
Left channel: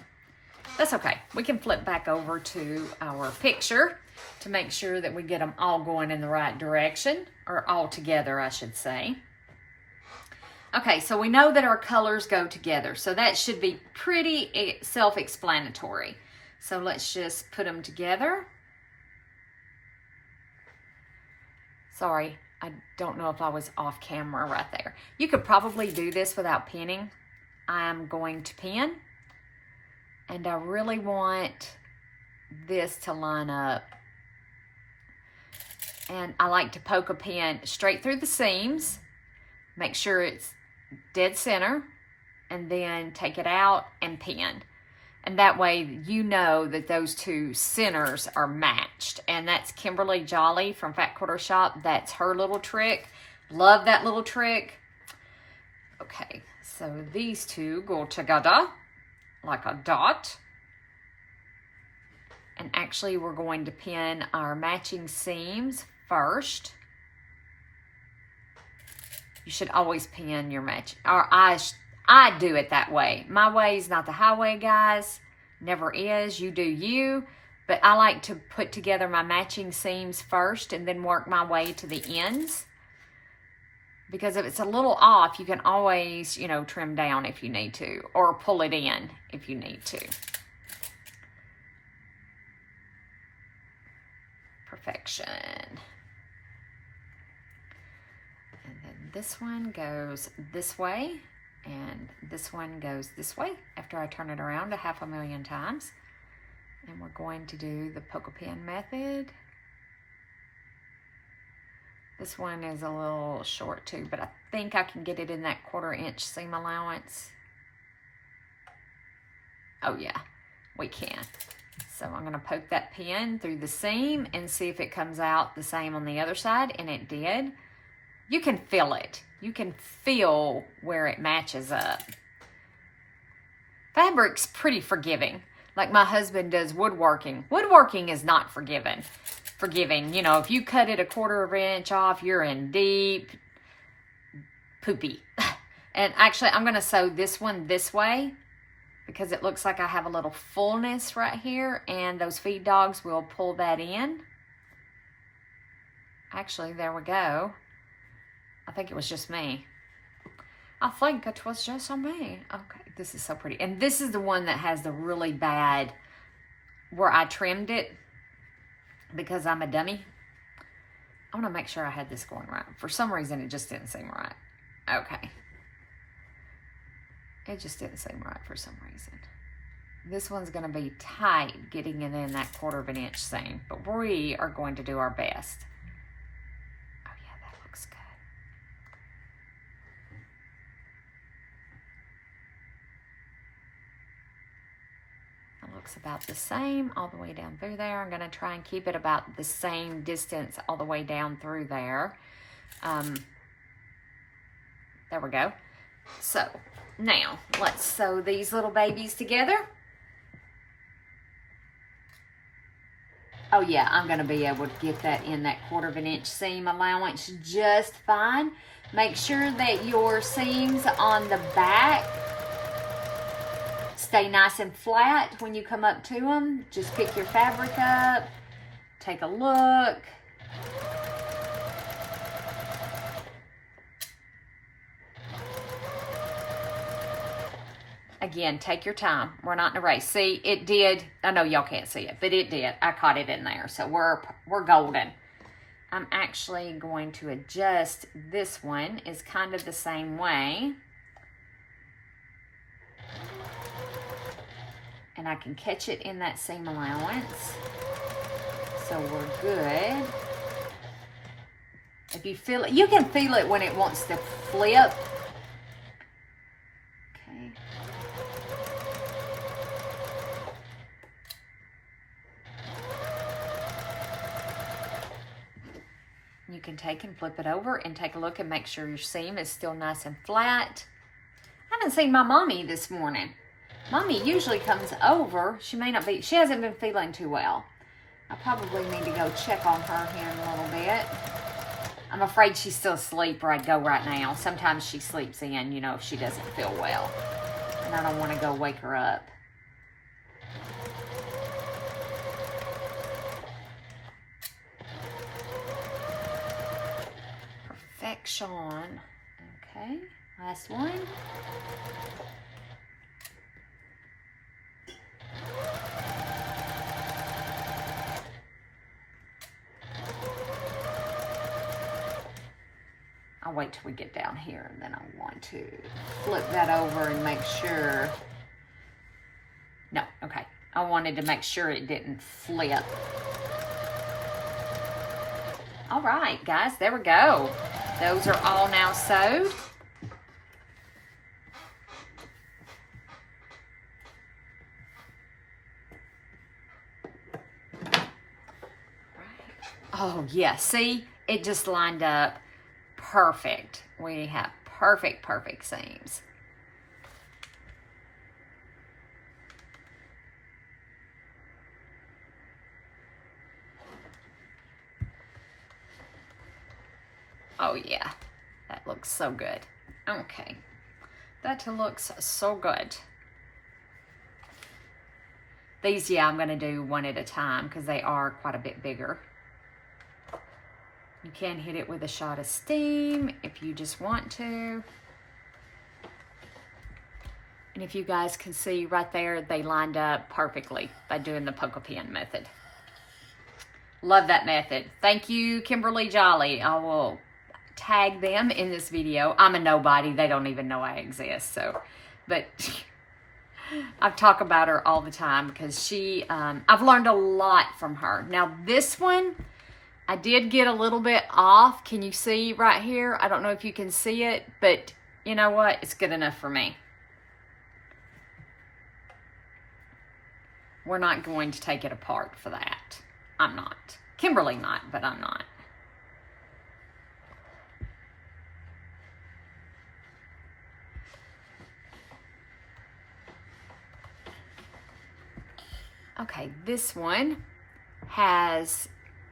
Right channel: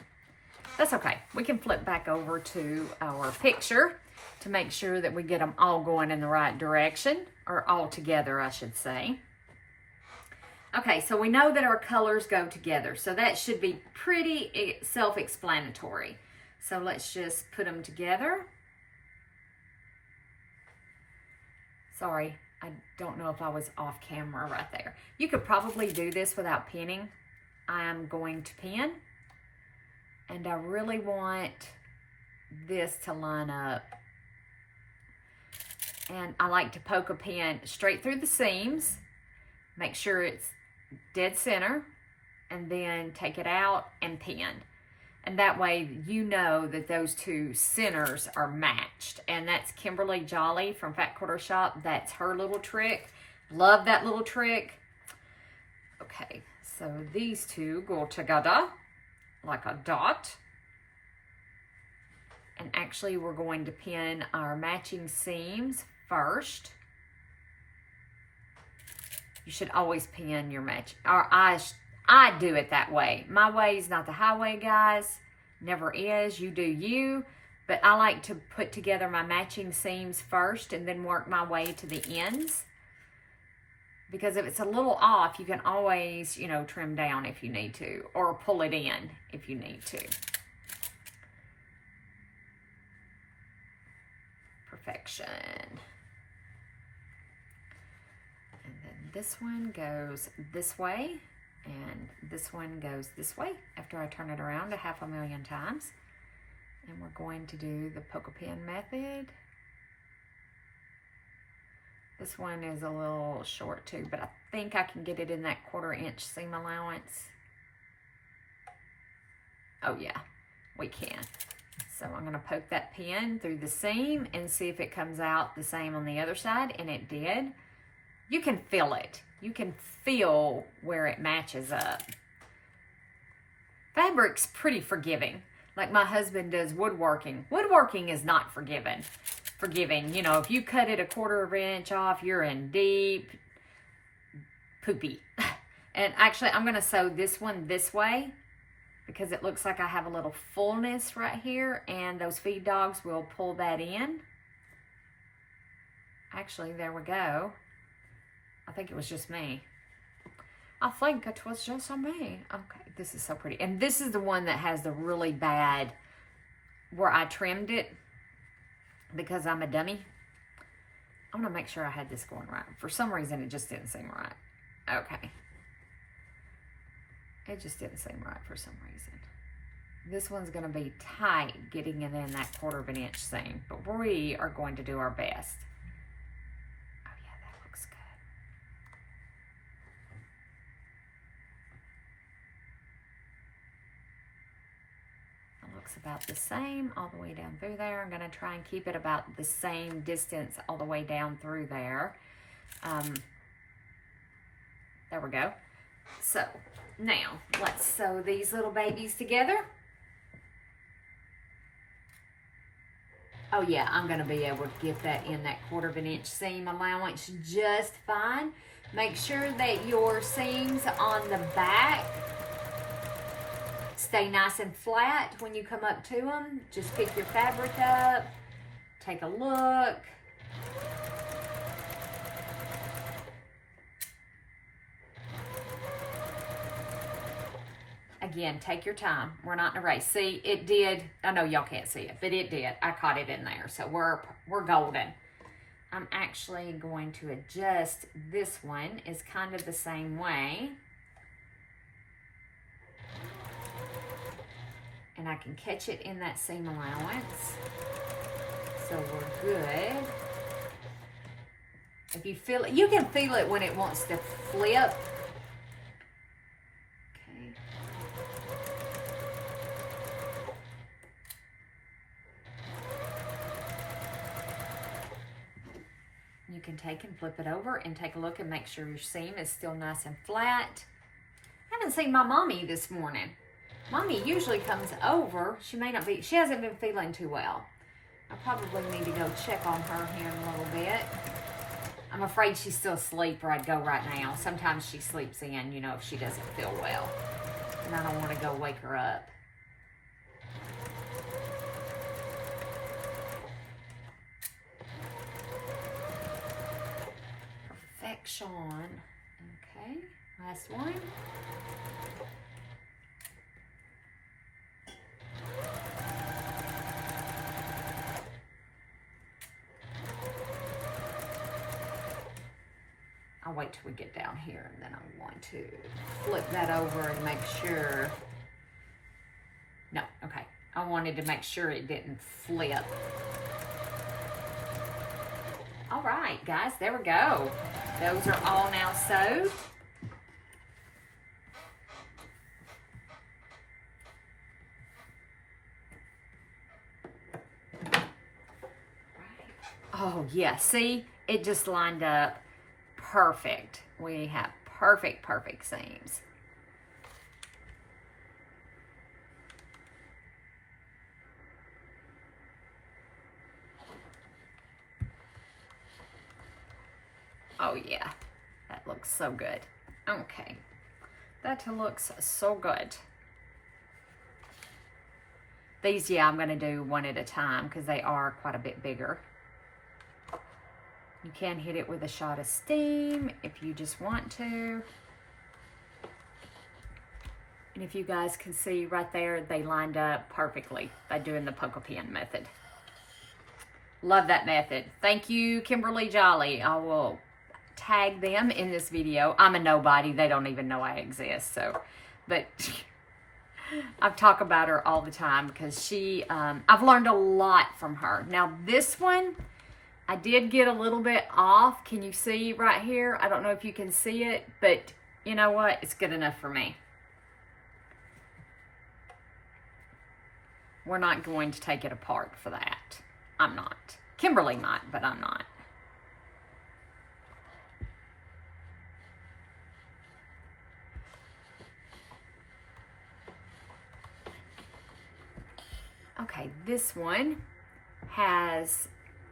That's okay. We can flip back over to our picture to make sure that we get them all going in the right direction, or all together, I should say. Okay, so we know that our colors go together, so that should be pretty self-explanatory. So let's just put them together. Sorry, I don't know if I was off camera right there. You could probably do this without pinning. I am going to pin, and I really want this to line up. And I like to poke a pin straight through the seams, make sure it's dead center, and then take it out and pin. And that way you know that those two centers are matched. And that's Kimberly Jolly from Fat Quarter Shop. That's her little trick. Love that little trick. Okay, so these two go together like a dot. And actually we're going to pin our matching seams first. You should always pin your match, or I do it that way. My way is not the highway, guys. Never is. You do you. But I like to put together my matching seams first and then work my way to the ends. Because if it's a little off, you can always, you know, trim down if you need to, or pull it in if you need to. Perfection. And then this one goes this way, and this one goes this way after I turn it around 500,000 times. And we're going to do the poke a pin method. This one is a little short too, but I think I can get it in that 1/4 inch seam allowance. Oh yeah, we can. So I'm going to poke that pin through the seam and see if it comes out the same on the other side, and it did. You can feel it. You can feel where it matches up. Fabric's pretty forgiving. Like my husband does woodworking. Woodworking is not forgiving. You know, if you cut it 1/4 of an inch off, you're in deep poopy. And actually, I'm going to sew this one this way because it looks like I have a little fullness right here, and those feed dogs will pull that in. Actually, there we go. I think it was just me. I think it was just on me. Okay, this is so pretty. And this is the one that has the really bad, where I trimmed it because I'm a dummy. I want to make sure I had this going right. For some reason, it just didn't seem right. Okay. It just didn't seem right for some reason. This one's going to be tight getting it in that 1/4 of an inch seam, but we are going to do our best. Oh yeah, that looks good. It looks about the same all the way down through there. I'm going to try and keep it about the same distance all the way down through there. There we go. So now let's sew these little babies together. Oh yeah, I'm going to be able to get that in that 1/4 of an inch seam allowance just fine. Make sure that your seams on the back stay nice and flat when you come up to them. Just pick your fabric up, take a look. Again, take your time. We're not in a race. See, it did. I know y'all can't see it, but it did. I caught it in there, so we're golden. I'm actually going to adjust this one. It's kind of the same way. And I can catch it in that seam allowance. So we're good. If you feel it, you can feel it when it wants to flip. Okay. You can take and flip it over and take a look and make sure your seam is still nice and flat. I haven't seen my mommy this morning. Mommy usually comes over. She hasn't been feeling too well. I probably need to go check on her here in a little bit. I'm afraid she's still asleep where I'd go right now. Sometimes she sleeps in, you know, if she doesn't feel well. And I don't want to go wake her up. Perfection. Okay, last one. I'll wait till we get down here, and then I'm going to flip that over and make sure. No, okay. I wanted to make sure it didn't flip. All right, guys, there we go. Those are all now sewed. Oh, yeah, see? It just lined up perfect. We have perfect seams. Oh yeah, that looks so good. Okay, that looks so good. These, yeah, I'm gonna do one at a time because they are quite a bit bigger. You can hit it with a shot of steam if you just want to. And if you guys can see right there, they lined up perfectly by doing the poke pin method. Love that method. Thank you, Kimberly Jolly. I will tag them in this video. I'm a nobody. They don't even know I exist. So, but I talk about her all the time because she, I've learned a lot from her. Now this one, I did get a little bit off. Can you see right here? I don't know if you can see it, but you know what? It's good enough for me. We're not going to take it apart for that. I'm not. Kimberly might, but I'm not. Okay, this one has,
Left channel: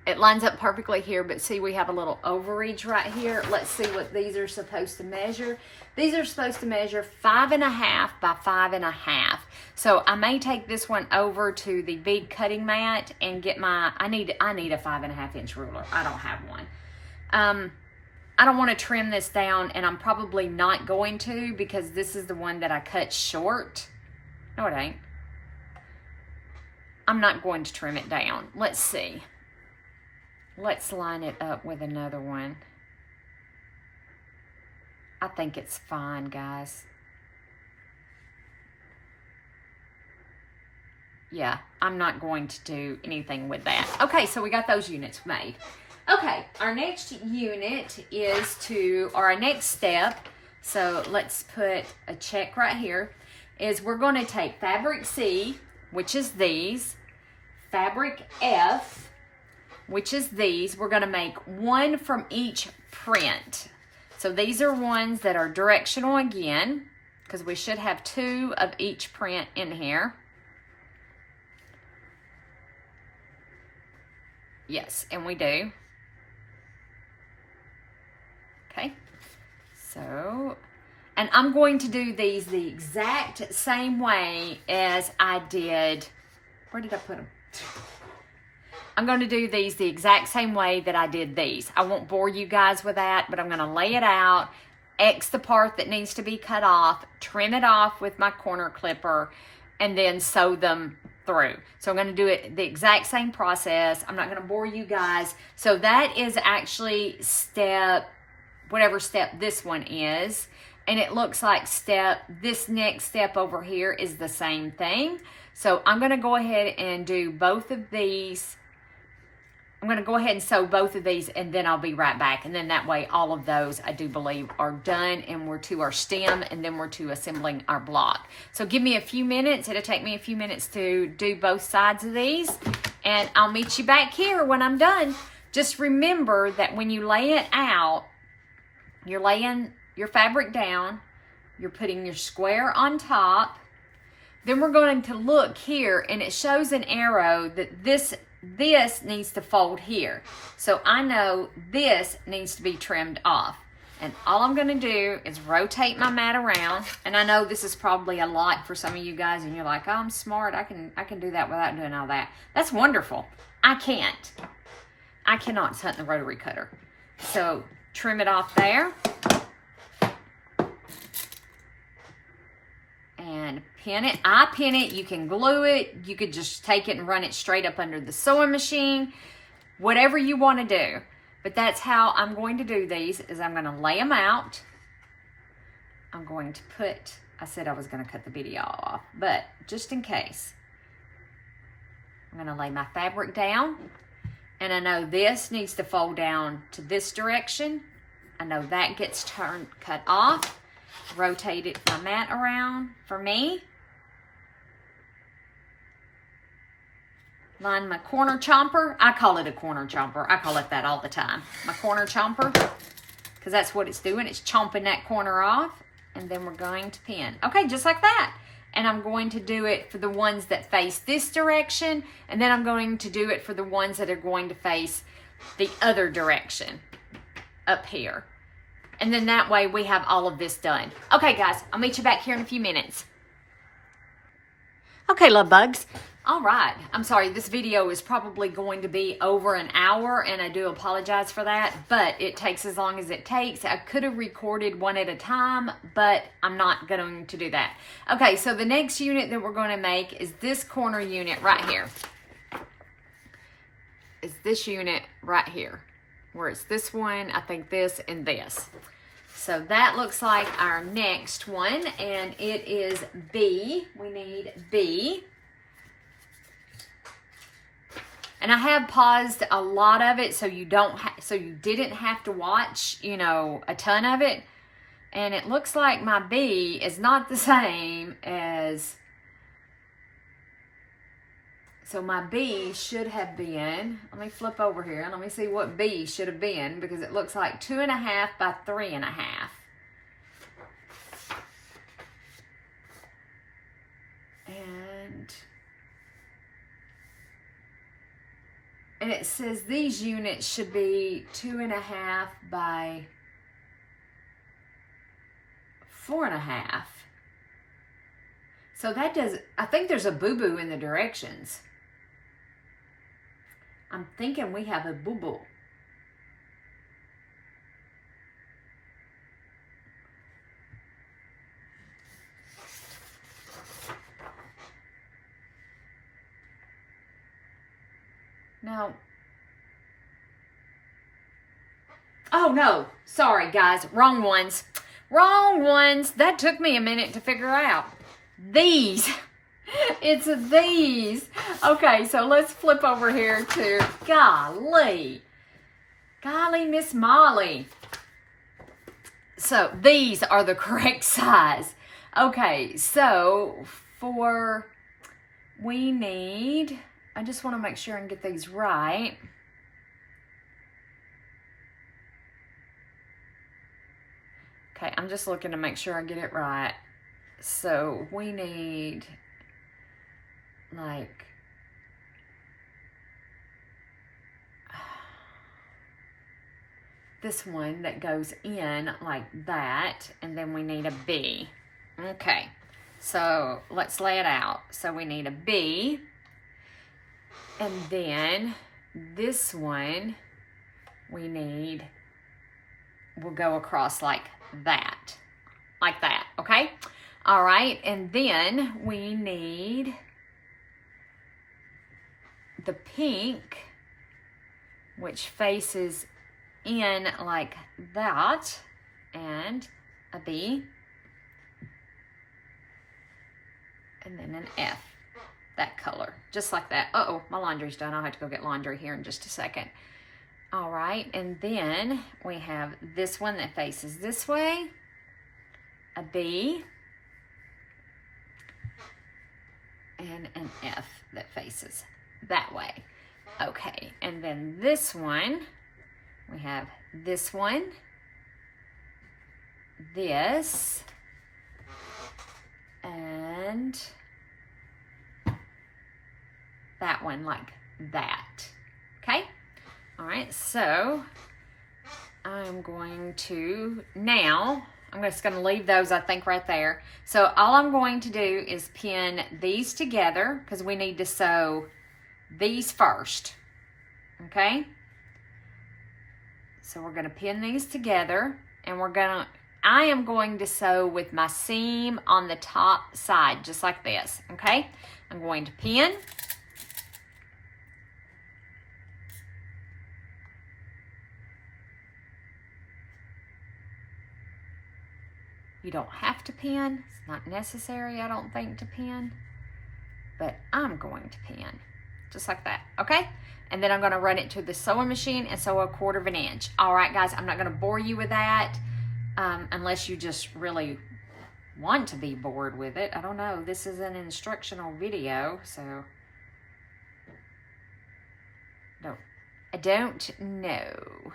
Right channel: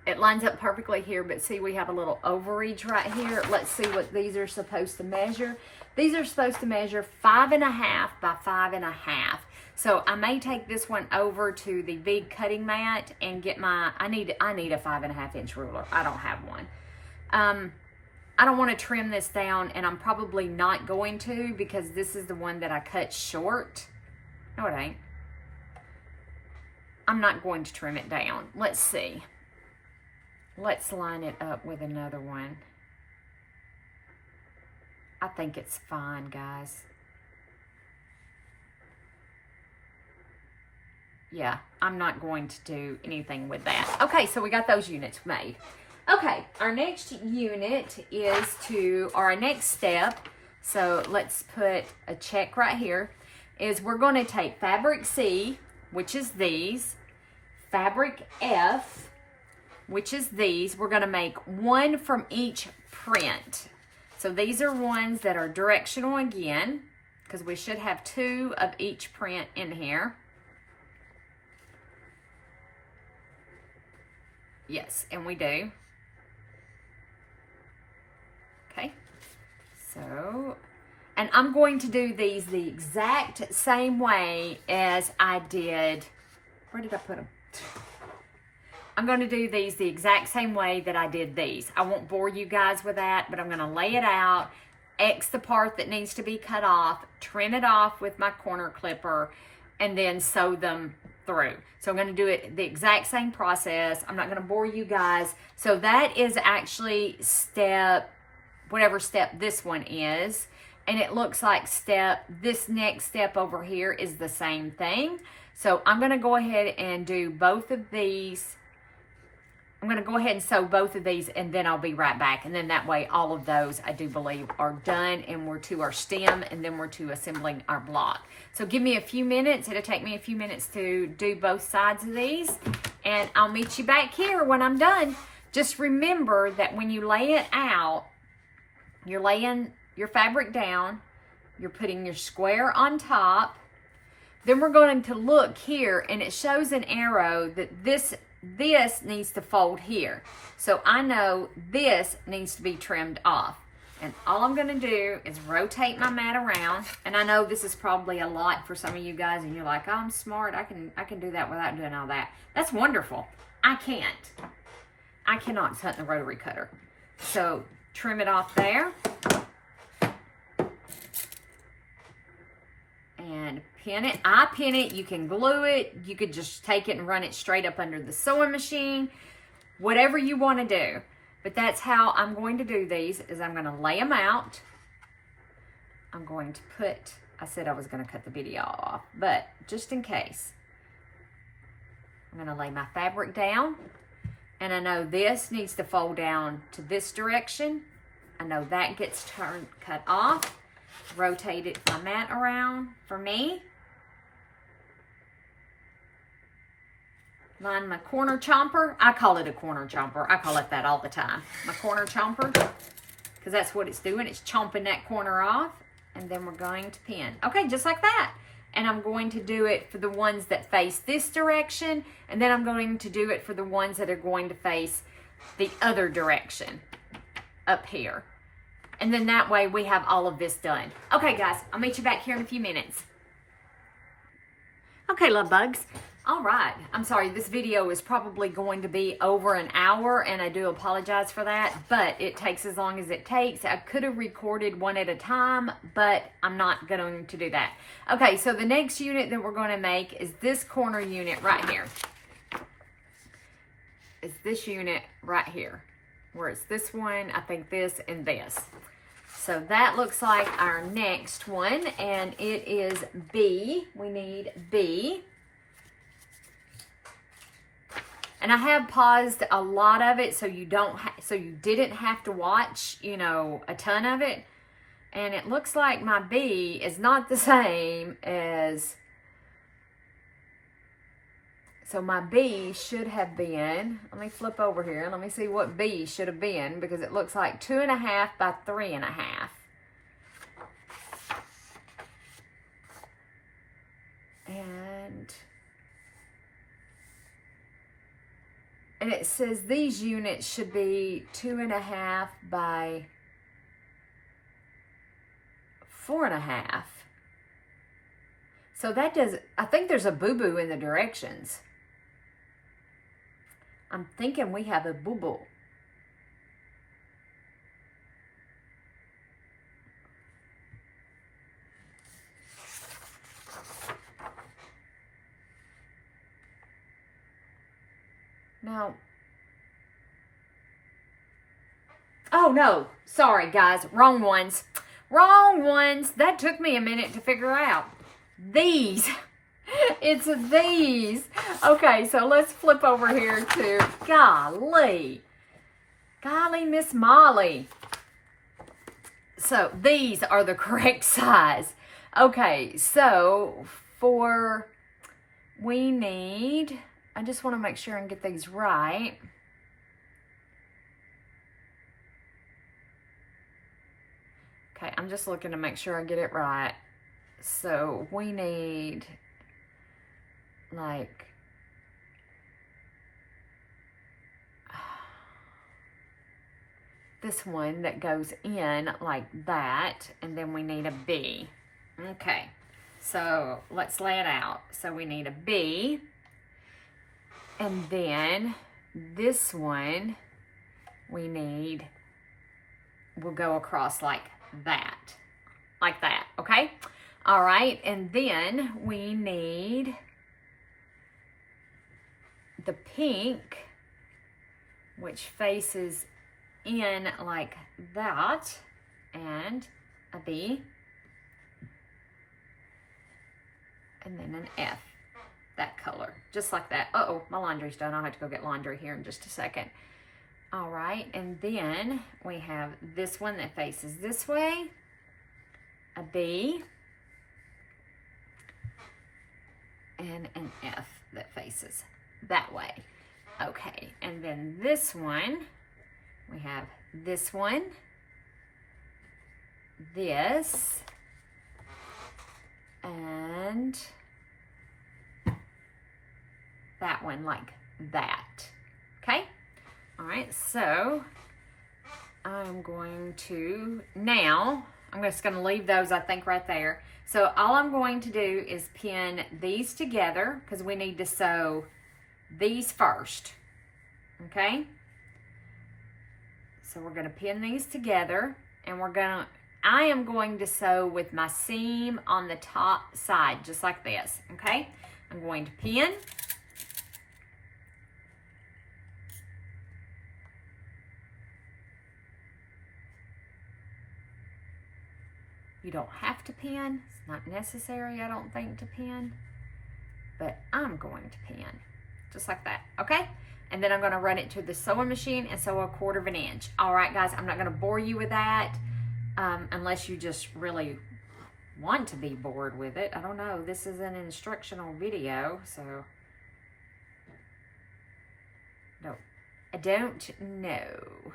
it lines up perfectly here, but see we have a little overreach right here. Let's see what these are supposed to measure. These are supposed to measure 5.5 by 5.5. So I may take this one over to the bead cutting mat and get my, I need a 5.5 inch ruler. I don't have one. I don't want to trim this down, and I'm probably not going to, because this is the one that I cut short. No, it ain't. I'm not going to trim it down. Let's see. Let's line it up with another one. I think it's fine, guys. Yeah, I'm not going to do anything with that. Okay, so we got those units made. Okay, our next unit is to, or our next step, so let's put a check right here, is we're going to take fabric C, which is these, fabric F, which is these. We're going to make one from each print. So these are ones that are directional again, because we should have 2 of each print in here. Yes, and we do. Okay, so, and I'm going to do these the exact same way as I did, where did I put them? I'm going to do these the exact same way that I did these. I won't bore you guys with that, but I'm going to lay it out, X the part that needs to be cut off, trim it off with my corner clipper, and then sew them through. So I'm going to do it the exact same process. I'm not going to bore you guys. So that is actually step, whatever step this one is, and it looks like this next step over here is the same thing. So I'm going to go ahead and do both of these. I'm going to go ahead and sew both of these, and then I'll be right back. And then that way all of those, I do believe, are done, and we're to our stem, and then we're to assembling our block. So give me a few minutes. It'll take me a few minutes to do both sides of these, and I'll meet you back here when I'm done. Just remember that when you lay it out, you're laying your fabric down, you're putting your square on top, then we're going to look here, and it shows an arrow that this needs to fold here. So I know this needs to be trimmed off. And all I'm going to do is rotate my mat around. And I know this is probably a lot for some of you guys, and you're like, oh, I'm smart. I can do that without doing all that. That's wonderful. I can't. I cannot hunt the rotary cutter. So trim it off there. And pin it. I pin it. You can glue it. You could just take it and run it straight up under the sewing machine. Whatever you want to do. But that's how I'm going to do these, is I'm going to lay them out. I'm going to put, I said I was going to cut the video off, but just in case, I'm going to lay my fabric down. And I know this needs to fold down to this direction. I know that gets cut off. Rotated my mat around for me. Line my corner chomper. I call it a corner chomper. I call it that all the time. My corner chomper, because that's what it's doing. It's chomping that corner off, and then we're going to pin. Okay, just like that. And I'm going to do it for the ones that face this direction, and then I'm going to do it for the ones that are going to face the other direction up here. And then that way we have all of this done. Okay, guys, I'll meet you back here in a few minutes. Okay, love bugs. All right. I'm sorry, this video is probably going to be over an hour, and I do apologize for that, but it takes as long as it takes. I could have recorded one at a time, but I'm not going to do that. Okay, so the next unit that we're going to make is this corner unit right here. It's this unit right here, where it's this one, I think this, and this. So that looks like our next one, and it is B. We need B. And I have paused a lot of it so you didn't have to watch, you know, a ton of it. And it looks like my B is not the same as, so my B should have been, let me flip over here. Let me see what B should have been, because it looks like 2.5 by 3.5. And And it says these units should be 2.5 by 4.5. So that does, I think there's a boo-boo in the directions. I'm thinking we have a boo-boo. No. Oh, no. Sorry, guys. Wrong ones. Wrong ones. That took me a minute to figure out. These. It's these. Okay, so let's flip over here to, golly, Miss Molly. So these are the correct size. Okay, so we need, I just want to make sure and get these right. Okay, I'm just looking to make sure I get it right. So we need like this one that goes in like that, and then we need a B. Okay, so let's lay it out. So we need a B, and then this one we need will go across like that, okay? All right, and then we need the pink, which faces in like that, and a B, and then an F, that color, just like that. Uh-oh, my laundry's done. I'll have to go get laundry here in just a second. All right, and then we have this one that faces this way, a B, and an F that faces that way. Okay, and then this one, we have this one, this, and that one like that, okay? All right, so I'm going to, now, I'm just gonna leave those, I think, right there. So all I'm going to do is pin these together because we need to sew these first, okay? So we're gonna pin these together, and I am going to sew with my seam on the top side, just like this, okay? I'm going to pin. You don't have to pin. It's not necessary, I don't think, to pin. But I'm going to pin. Just like that, okay? And then I'm going to run it to the sewing machine and sew 1/4 inch. All right, guys, I'm not going to bore you with that unless you just really want to be bored with it. I don't know. This is an instructional video, so no, I don't know.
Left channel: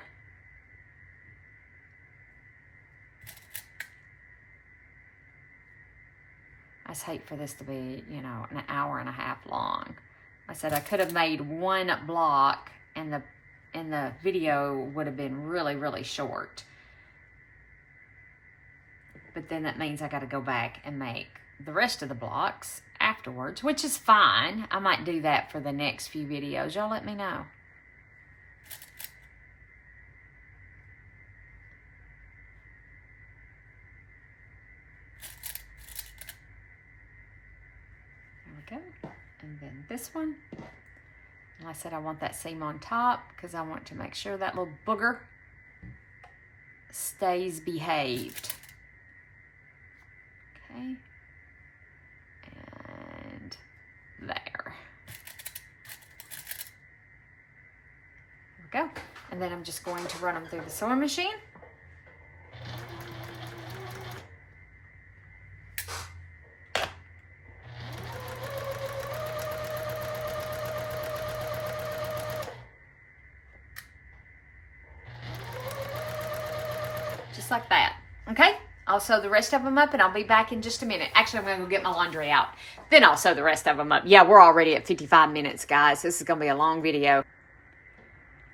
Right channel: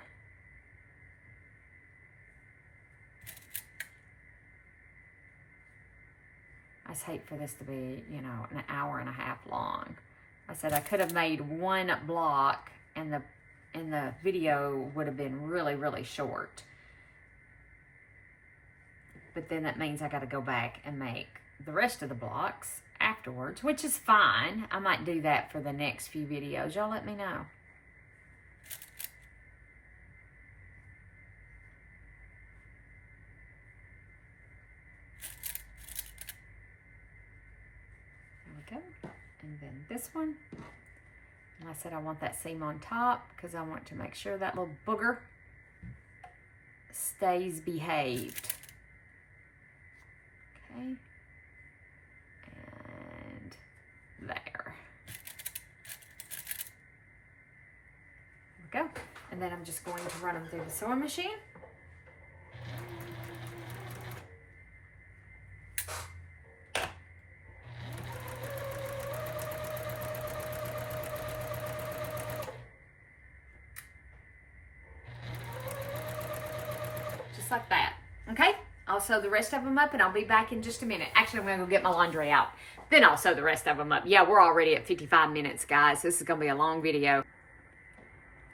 I just hate for this to be, you know, an hour and a half long. I said I could have made one block and the video would have been really, really short. But then that means I got to go back and make the rest of the blocks afterwards, which is fine. I might do that for the next few videos. Y'all let me know. There we go. And then this one. And I said I want that seam on top because I want to make sure that little booger stays behaved. Okay. And there. There we go. And then I'm just going to run them through the sewing machine. Just like that, okay? I'll sew the rest of them up and I'll be back in just a minute. Actually, I'm gonna go get my laundry out. Then I'll sew the rest of them up. Yeah, we're already at 55 minutes, guys. This is gonna be a long video.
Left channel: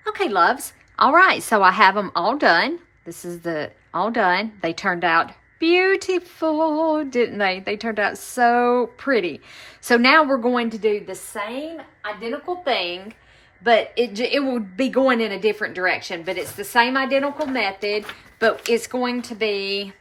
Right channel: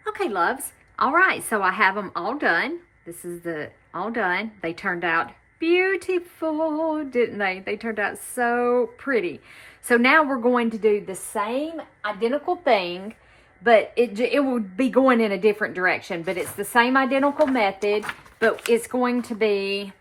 Okay, loves. All right, so I have them all done. This is the all done. They turned out beautiful, didn't they? They turned out so pretty. So now we're going to do the same identical thing, but it will be going in a different direction. But it's the same identical method, but it's going to be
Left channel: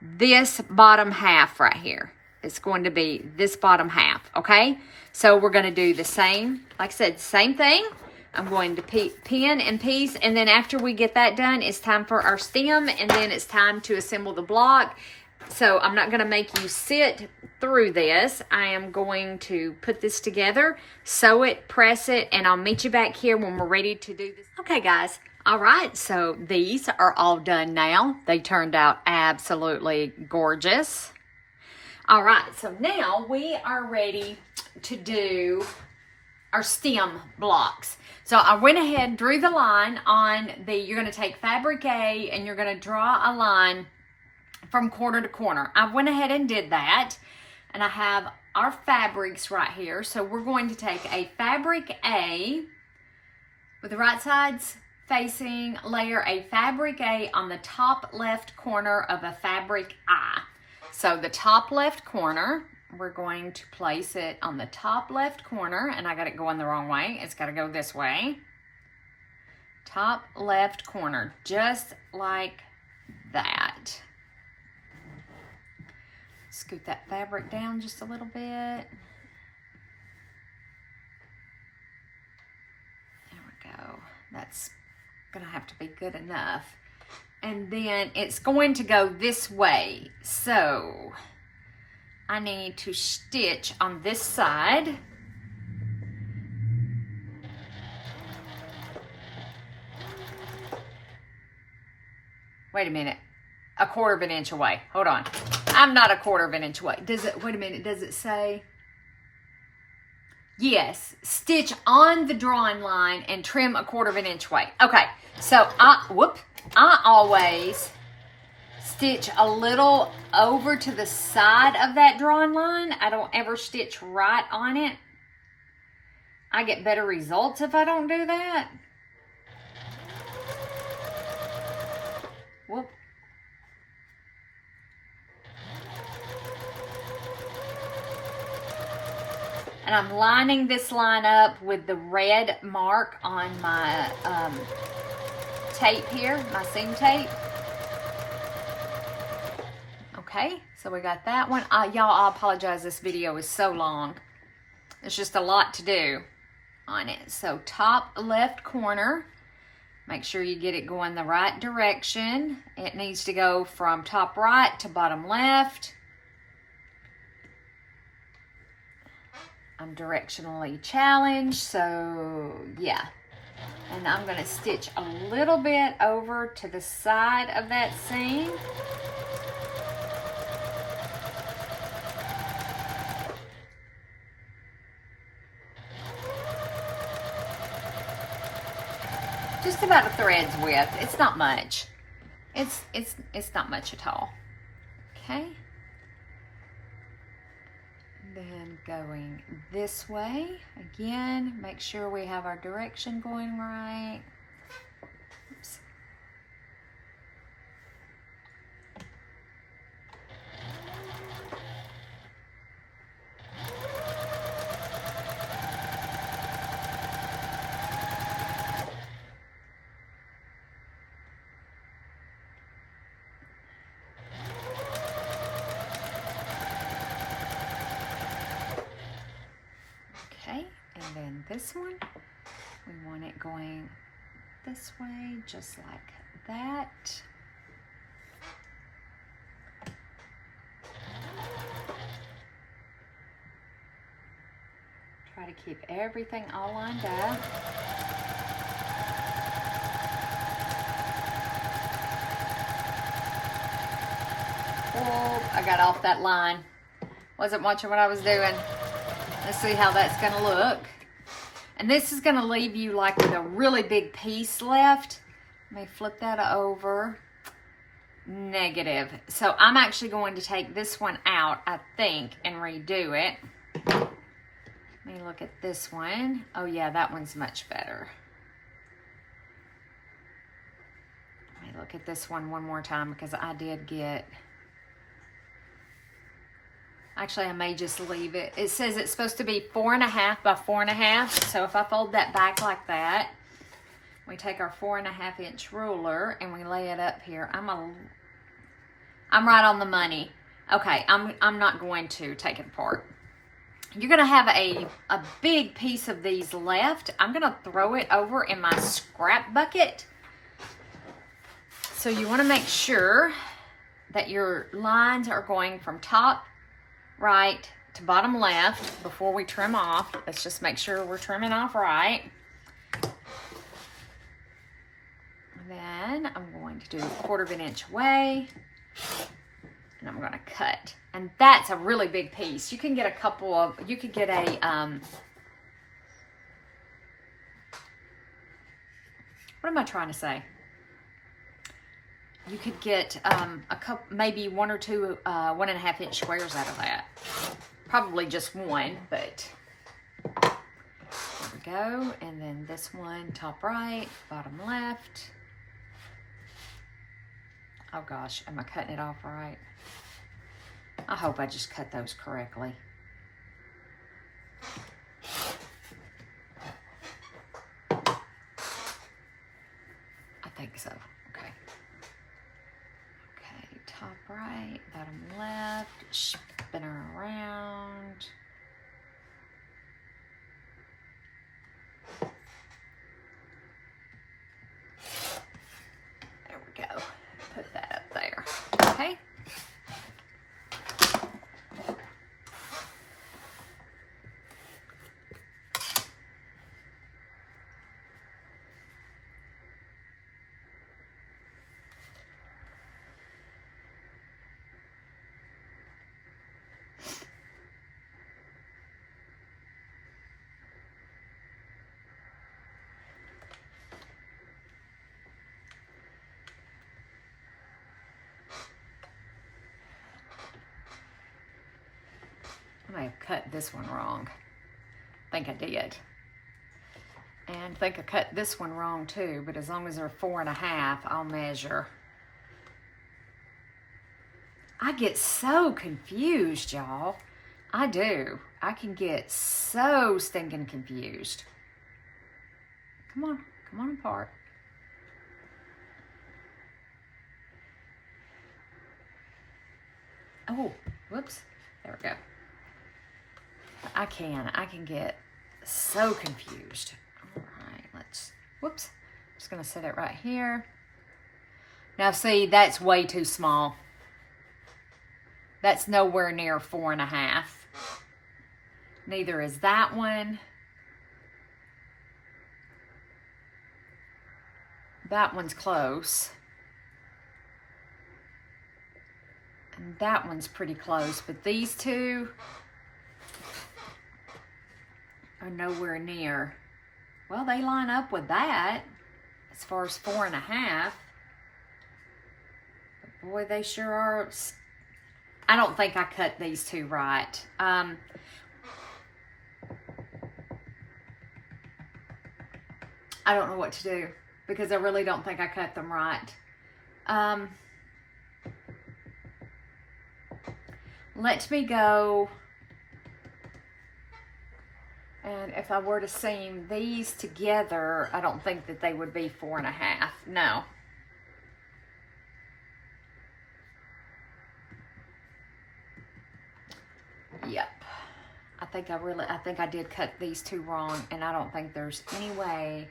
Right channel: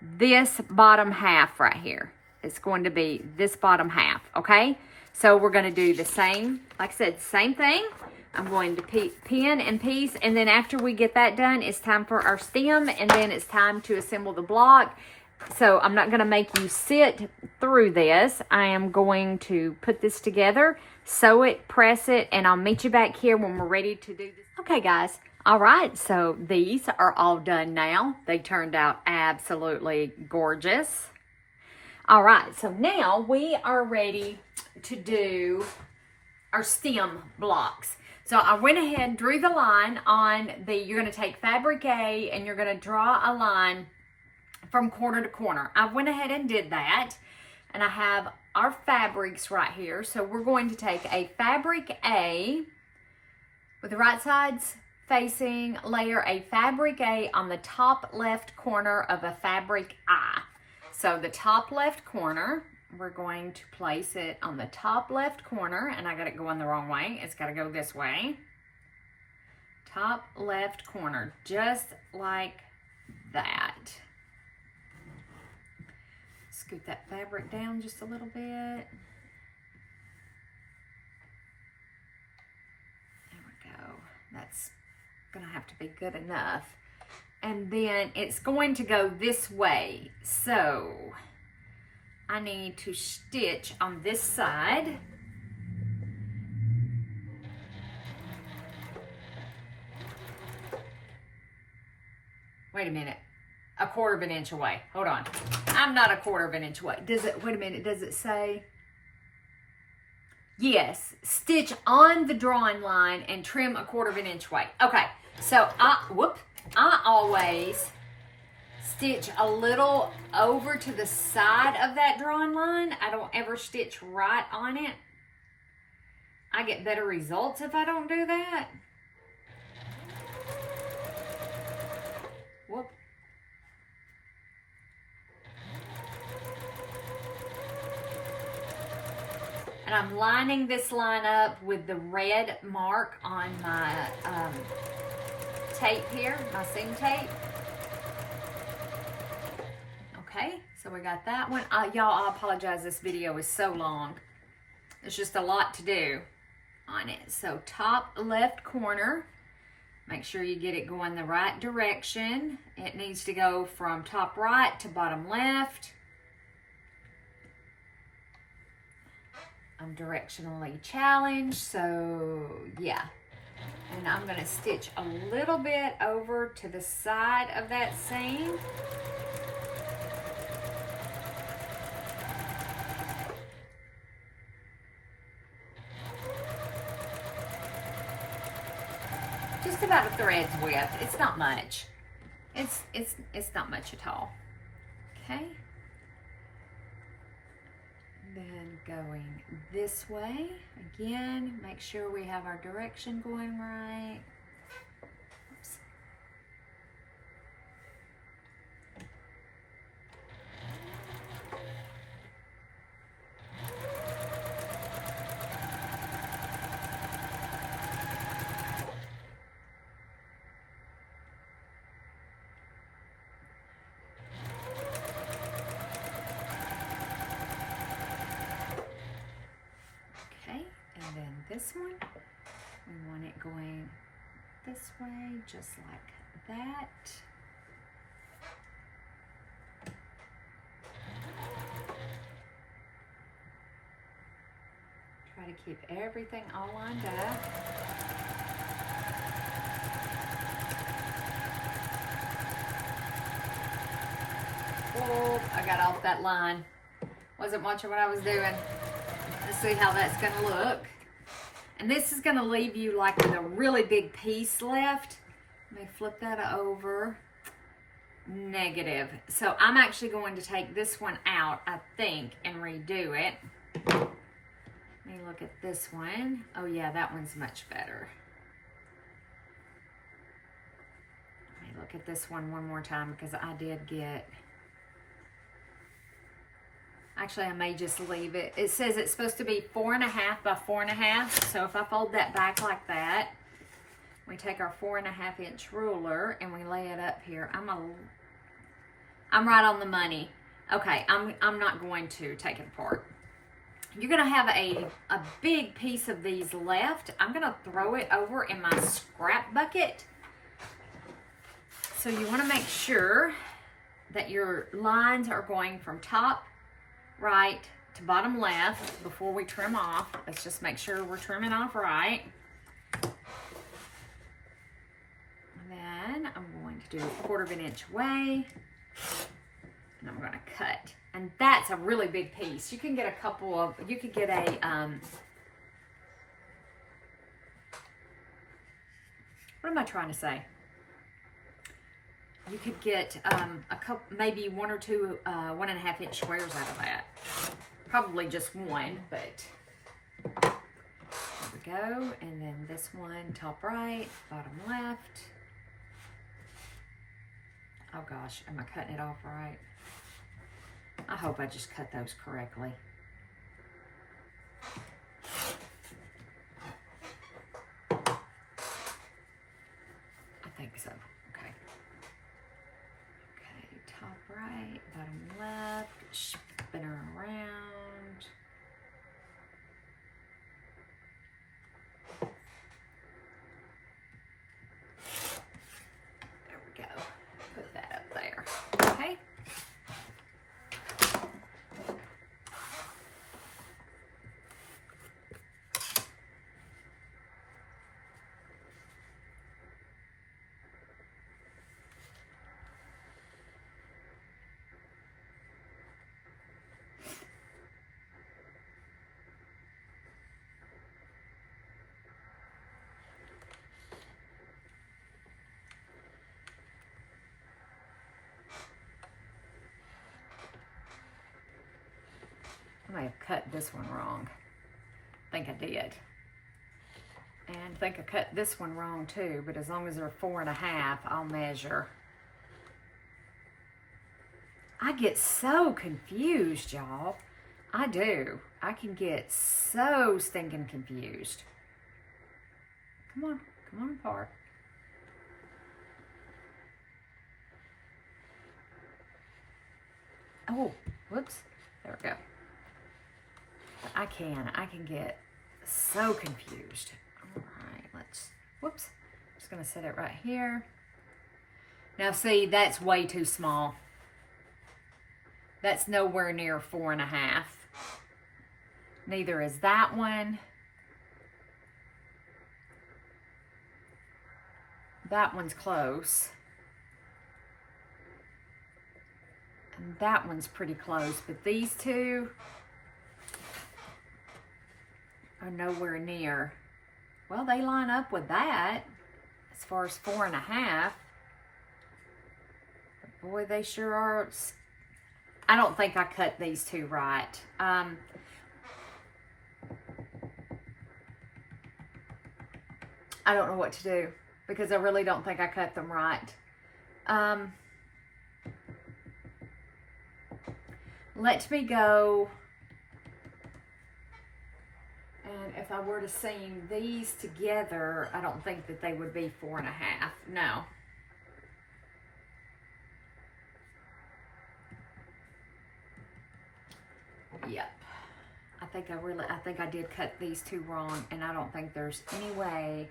this bottom half right here. It's going to be this bottom half, okay? So we're going to do the same, like I said, same thing. I'm going to pin and piece, and then after we get that done, it's time for our stem, and then it's time to assemble the block. So I'm not going to make you sit through this. I am going to put this together, sew it, press it, and I'll meet you back here when we're ready to do this. Okay, guys. All right, so these are all done now. They turned out absolutely gorgeous. All right, so now we are ready to do our stem blocks. So I went ahead, drew the line on you're going to take fabric A and you're going to draw a line from corner to corner. I went ahead and did that, and I have our fabrics right here. So we're going to take a fabric A with the right sides facing, layer a fabric A on the top left corner of a fabric I. So the top left corner, we're going to place it on the top left corner, and I got it going the wrong way. It's got to go this way. Top left corner, just like that. Scoot that fabric down just a little bit. There we go. That's gonna have to be good enough. And then it's going to go this way. So I need to stitch on this side. Wait a minute. A quarter of an inch away. Hold on. I'm not a quarter of an inch away. Does it, wait a minute, does it say? Yes, stitch on the drawing line and trim a quarter of an inch away. Okay, so I always stitch a little over to the side of that drawing line. I don't ever stitch right on it. I get better results if I don't do that. Whoop. And I'm lining this line up with the red mark on my tape here, my seam tape. Okay, so we got that one. Y'all, I apologize, this video is so long. There's just a lot to do on it. So top left corner, make sure you get it going the right direction. It needs to go from top right to bottom left. I'm directionally challenged, so yeah. And I'm gonna stitch a little bit over to the side of that seam. Just about a thread's width. It's not much. It's not much at all. Okay. Then going this way, again, make sure we have our direction going right. Oops. And then this one, we want it going this way, just like that. Try to keep everything all lined up. Oh, I got off that line. Wasn't watching what I was doing. Let's see how that's gonna look. And this is gonna leave you like with a really big piece left. Let me flip that over. Negative. So I'm actually going to take this one out, I think, and redo it. Let me look at this one. Oh yeah, that one's much better. look at this one more time because I did get, actually I may just leave it. It says it's supposed to be 4.5 by 4.5. So if I fold that back like that, we take our 4.5 inch ruler and we lay it up here. I'm right on the money. Okay, I'm not going to take it apart. You're gonna have a big piece of these left. I'm gonna throw it over in my scrap bucket. So you wanna make sure that your lines are going from top right to bottom left before we trim off. Let's just make sure we're trimming off right. Then I'm going to do 1/4 of an inch away, and I'm going to cut. And that's a really big piece. You can get a couple of, you could get a, what am I trying to say? You could get a couple, maybe 1 or 2 1.5 inch squares out of that. Probably just one, but there we go. And then this one, top right, bottom left. Oh gosh, am I cutting it off right? I hope I just cut those correctly. I think so. Okay. Okay, top right, bottom left, spin her around. There we go. Put that up there. Okay. I may have cut this one wrong. I think I did. And I think I cut this one wrong too, but as long as they're 4.5, I'll measure. I get so confused, y'all. I do. I can get so stinking confused. Come on apart. Oh, whoops. There we go. I can get so confused. All right, whoops. Just gonna set it right here. Now see, that's way too small. That's nowhere near 4.5. Neither is that one. That one's close. And that one's pretty close, but these two are nowhere near. Well, they line up with that as far as 4.5. But boy, they sure are. I don't think I cut these two right. I don't know what to do because I really don't think I cut them right. Let me go. And if I were to seam these together, I don't think that they would be 4.5. No. Yep. I think I did cut these two wrong, and I don't think there's any way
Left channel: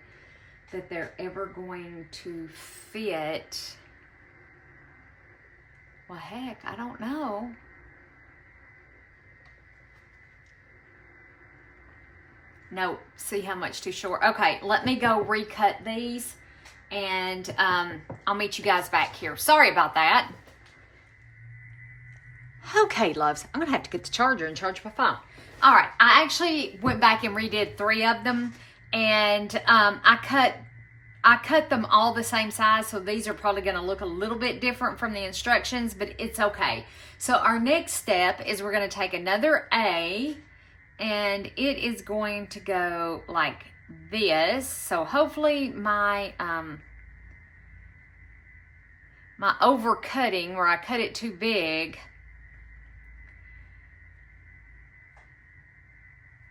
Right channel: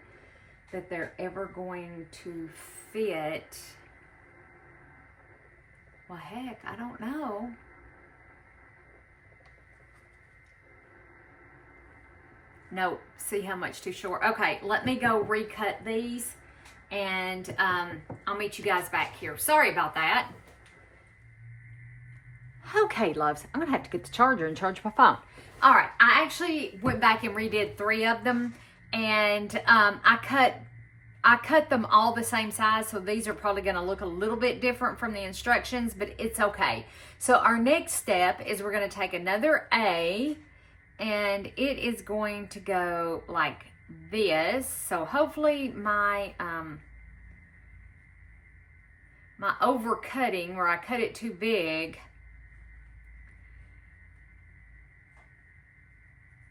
that they're ever going to fit. Well, heck, I don't know. Nope, see how much too short. Okay, let me go recut these, and I'll meet you guys back here. Sorry about that. Okay, loves, I'm gonna have to get the charger and charge my phone. All right, I actually went back and redid 3 of them, and I cut them all the same size, so these are probably gonna look a little bit different from the instructions, but it's okay. So our next step is we're gonna take another A, and it is going to go like this. So hopefully my my overcutting where I cut it too big.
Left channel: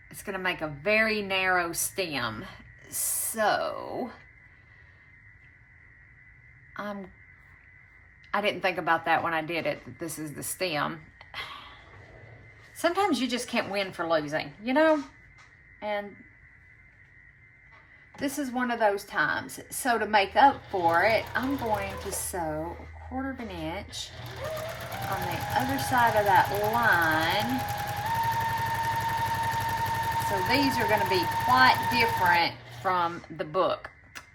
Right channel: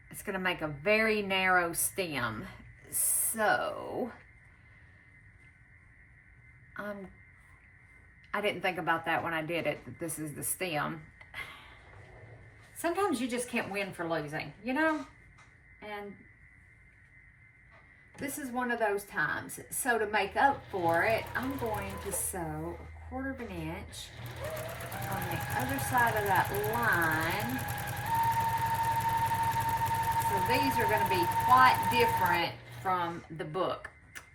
It's going to make a very narrow stem. So I didn't think about that when I did it, that this is the stem. Sometimes you just can't win for losing, you know? And this is one of those times. So to make up for it, I'm going to sew 1/4 of an inch on the other side of that line. So these are going to be quite different from the book,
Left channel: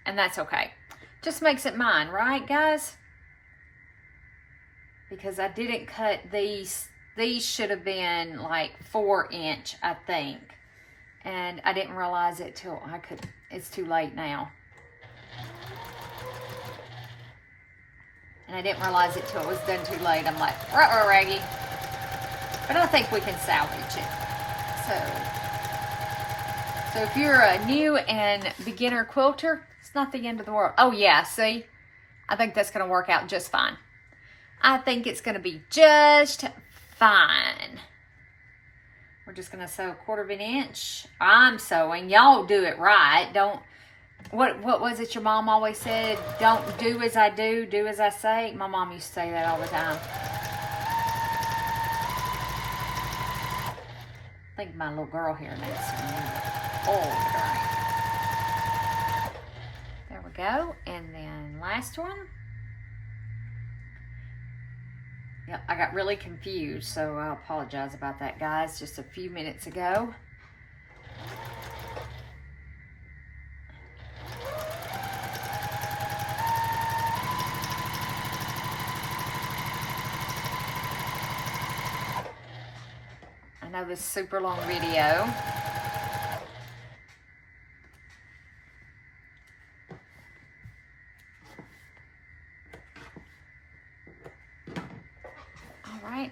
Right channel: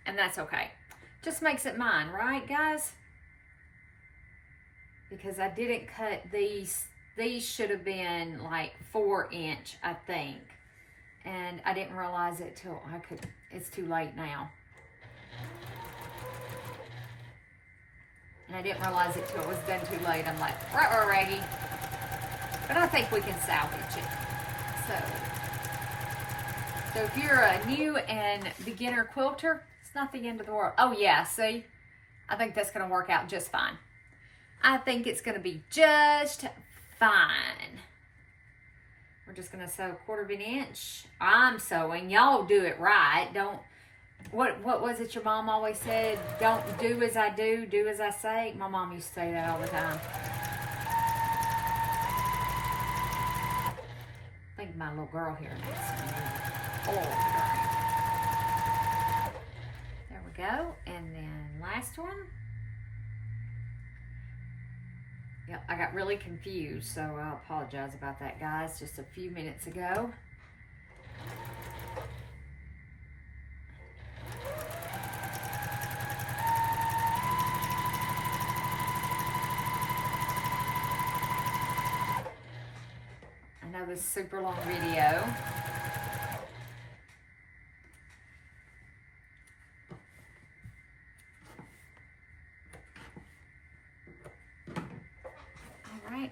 and that's okay. Just makes it mine, right, guys? Because I didn't cut these. These should have been like 4 inch, I think. And I didn't realize it till it's too late now. And I didn't realize it till it was done too late. I'm like, ruh-roh, Raggy. But I think we can salvage it. So if you're a new and beginner quilter, it's not the end of the world. Oh yeah, see? I think that's gonna work out just fine. I think it's gonna be just fine. We're just gonna sew 1/4 of an inch. I'm sewing. Y'all do it right. Don't. What was it your mom always said? Don't do as I do, do as I say. My mom used to say that all the time. I think my little girl here needs some oil. There we go. And then last one. Yep, I got really confused, so I apologize about that, guys, just a few minutes ago. I know this is a super long video.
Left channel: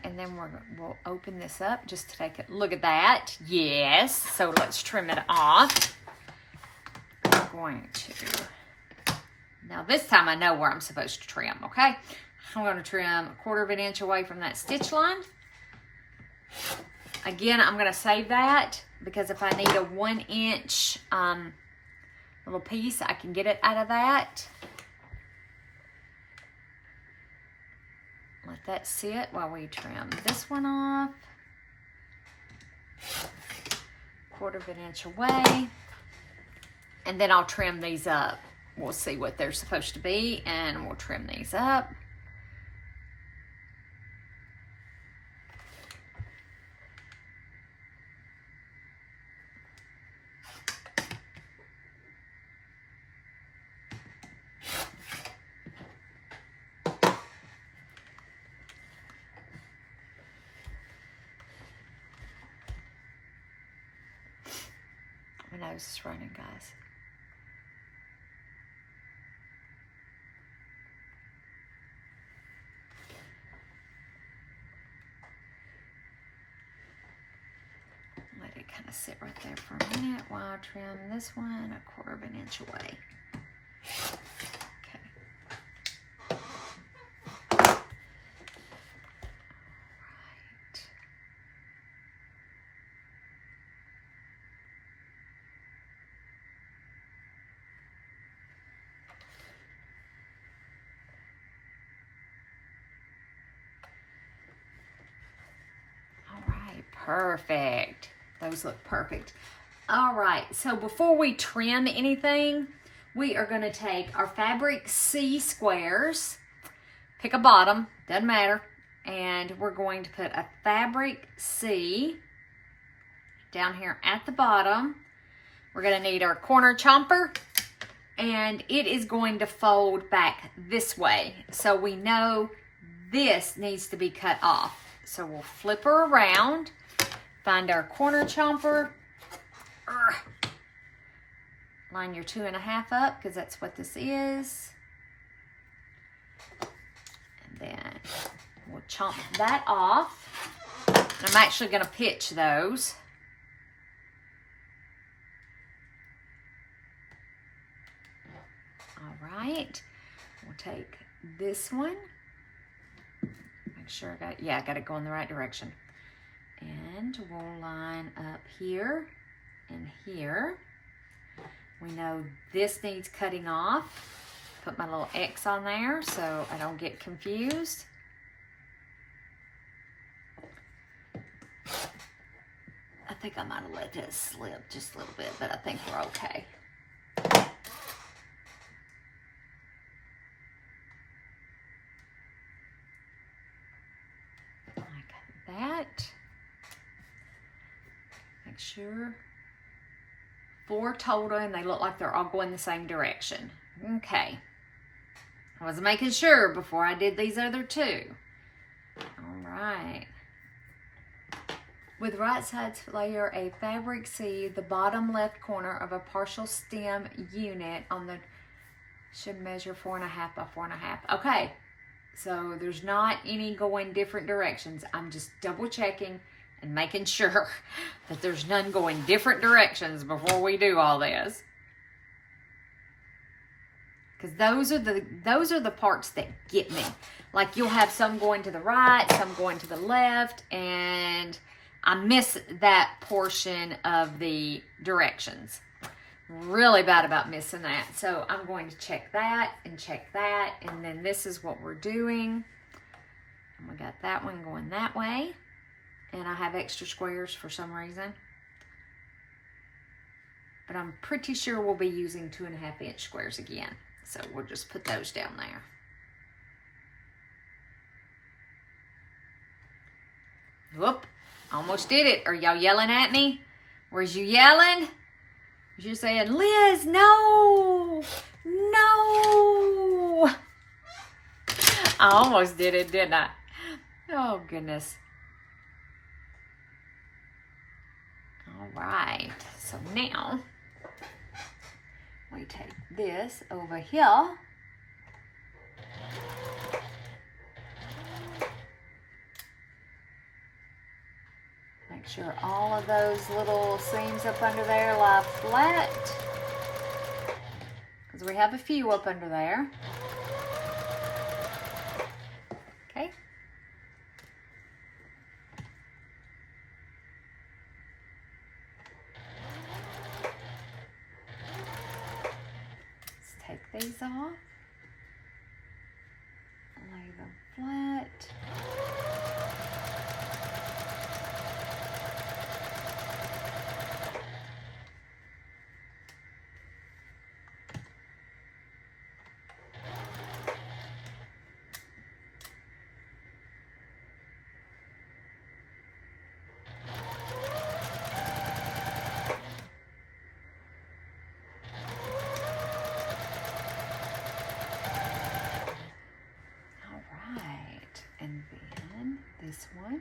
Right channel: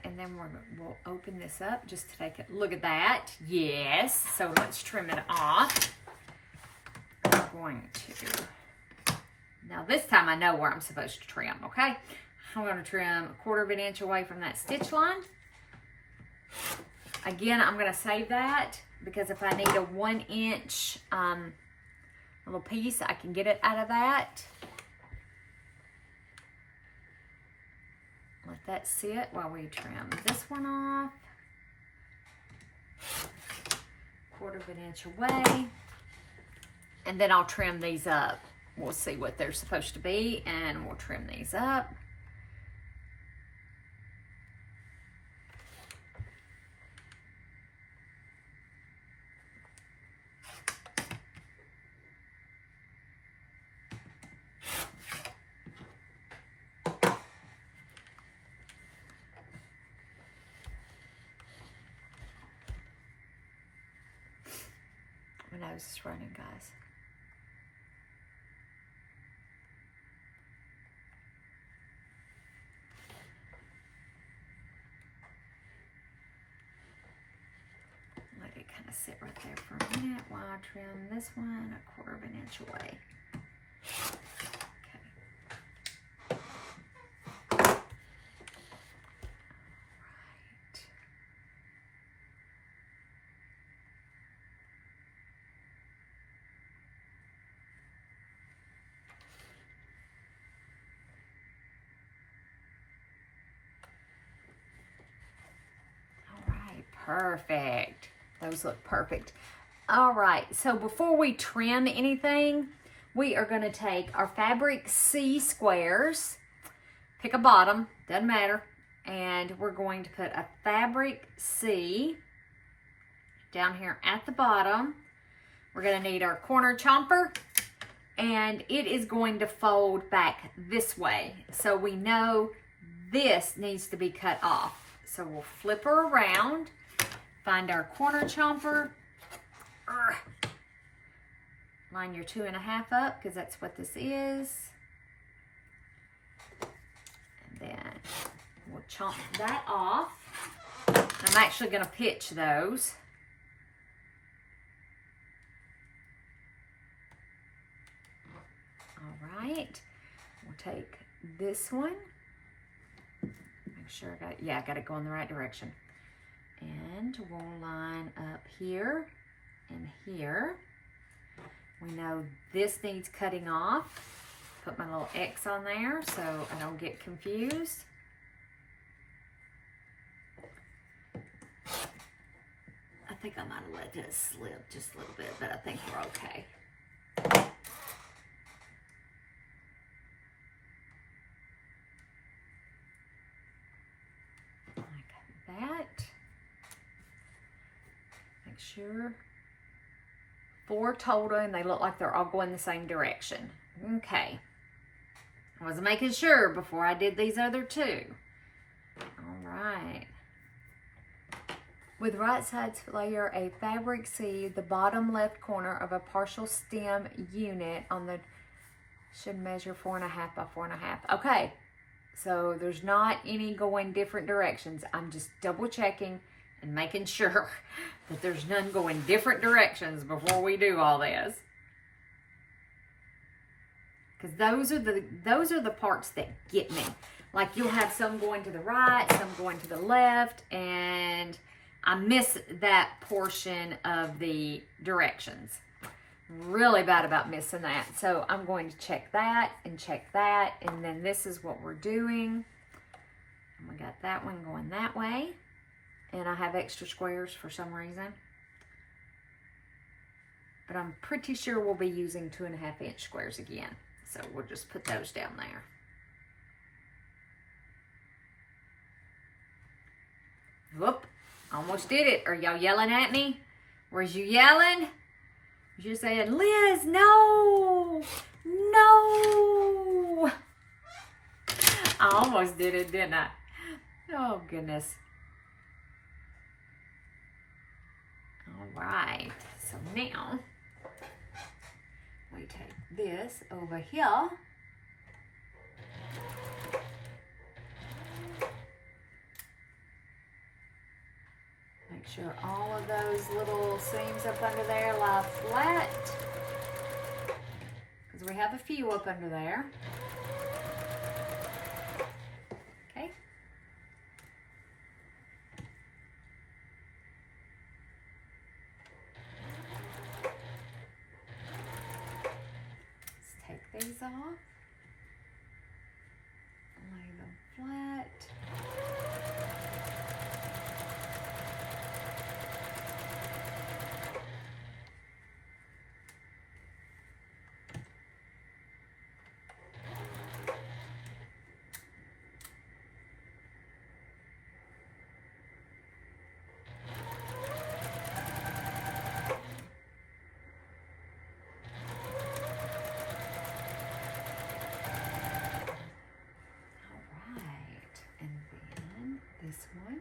And then we'll open this up just to take a look at that. Yes. So let's trim it off. I'm going to. Now this time I know where I'm supposed to trim, okay? I'm going to trim 1/4 of an inch away from that stitch line. Again, I'm going to save that because if I need a 1 inch little piece, I can get it out of that. Let that sit while we trim this one off. 1/4 of an inch away. And then I'll trim these up. We'll see what they're supposed to be and we'll trim these up. My nose is running, guys. Let it kind of sit right there for a minute while I trim this one 1/4 of an inch away. Perfect. Those look perfect. All right, so before we trim anything, we are going to take our fabric C squares, pick a bottom, doesn't matter, and we're going to put a fabric C down here at the bottom. We're going to need our corner chomper, and it is going to fold back this way, so we know this needs to be cut off. So we'll flip her around, find our corner chomper, line your 2.5 up because that's what this is, and then we'll chomp that off. I'm actually going to pitch those. All right, we'll take this one. Make sure I got it going the right direction. And we'll line up here and here. We know this needs cutting off. Put my little X on there so I don't get confused. I think I might have let this slip just a little bit, but I think we're okay. Like that. Make sure. 4 total, and they look like they're all going the same direction. Okay. I was making sure before I did these other 2. All right. With right sides, layer a fabric seed, the bottom left corner of a partial stem unit on the, should measure 4.5 by 4.5. Okay, so there's not any going different directions. I'm just double checking and making sure that there's none going different directions before we do all this. Because those are the parts that get me. Like you'll have some going to the right, some going to the left, and I miss that portion of the directions. Really bad about missing that. So I'm going to check that, and then this is what we're doing. And we got that one going that way. And I have extra squares for some reason. But I'm pretty sure we'll be using 2.5 inch squares again. So we'll just put those down there. Whoop, almost did it. Are y'all yelling at me? Where's you yelling? You're saying, Liz, no, no. I almost did it, didn't I? Oh, goodness. All right, so now we take this over here. Make sure all of those little seams up under there lie flat, because we have a few up under there. Okay. These off, lay them flat. This one.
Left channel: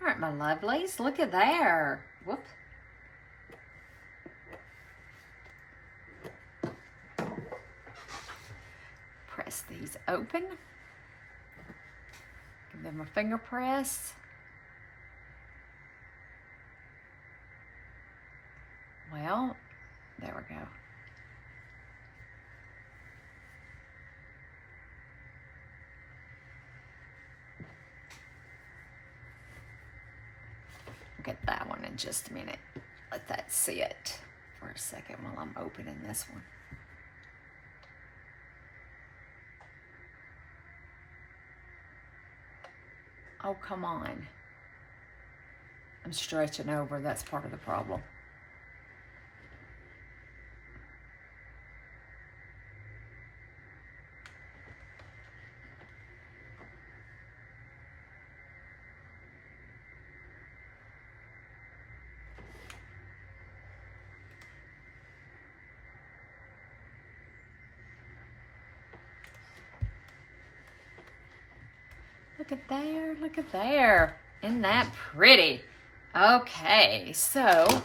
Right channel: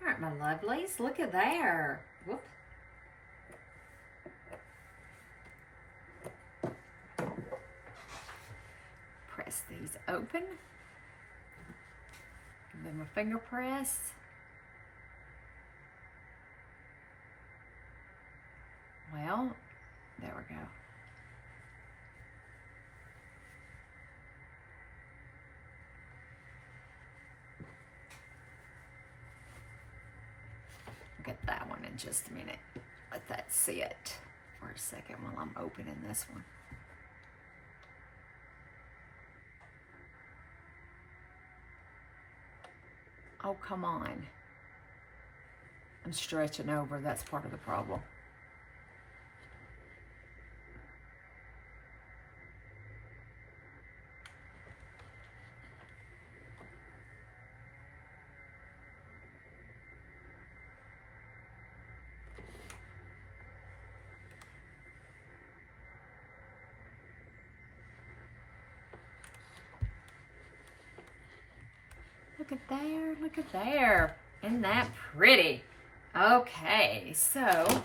All right, my lovelies, look at there. Whoop. These open, give them a finger press. Well, there we go. We'll get that one in just a minute. Let that sit for a second while I'm opening this one. Oh, come on. I'm stretching over. That's part of the problem. Look at there, look at there. Isn't that pretty? Okay, so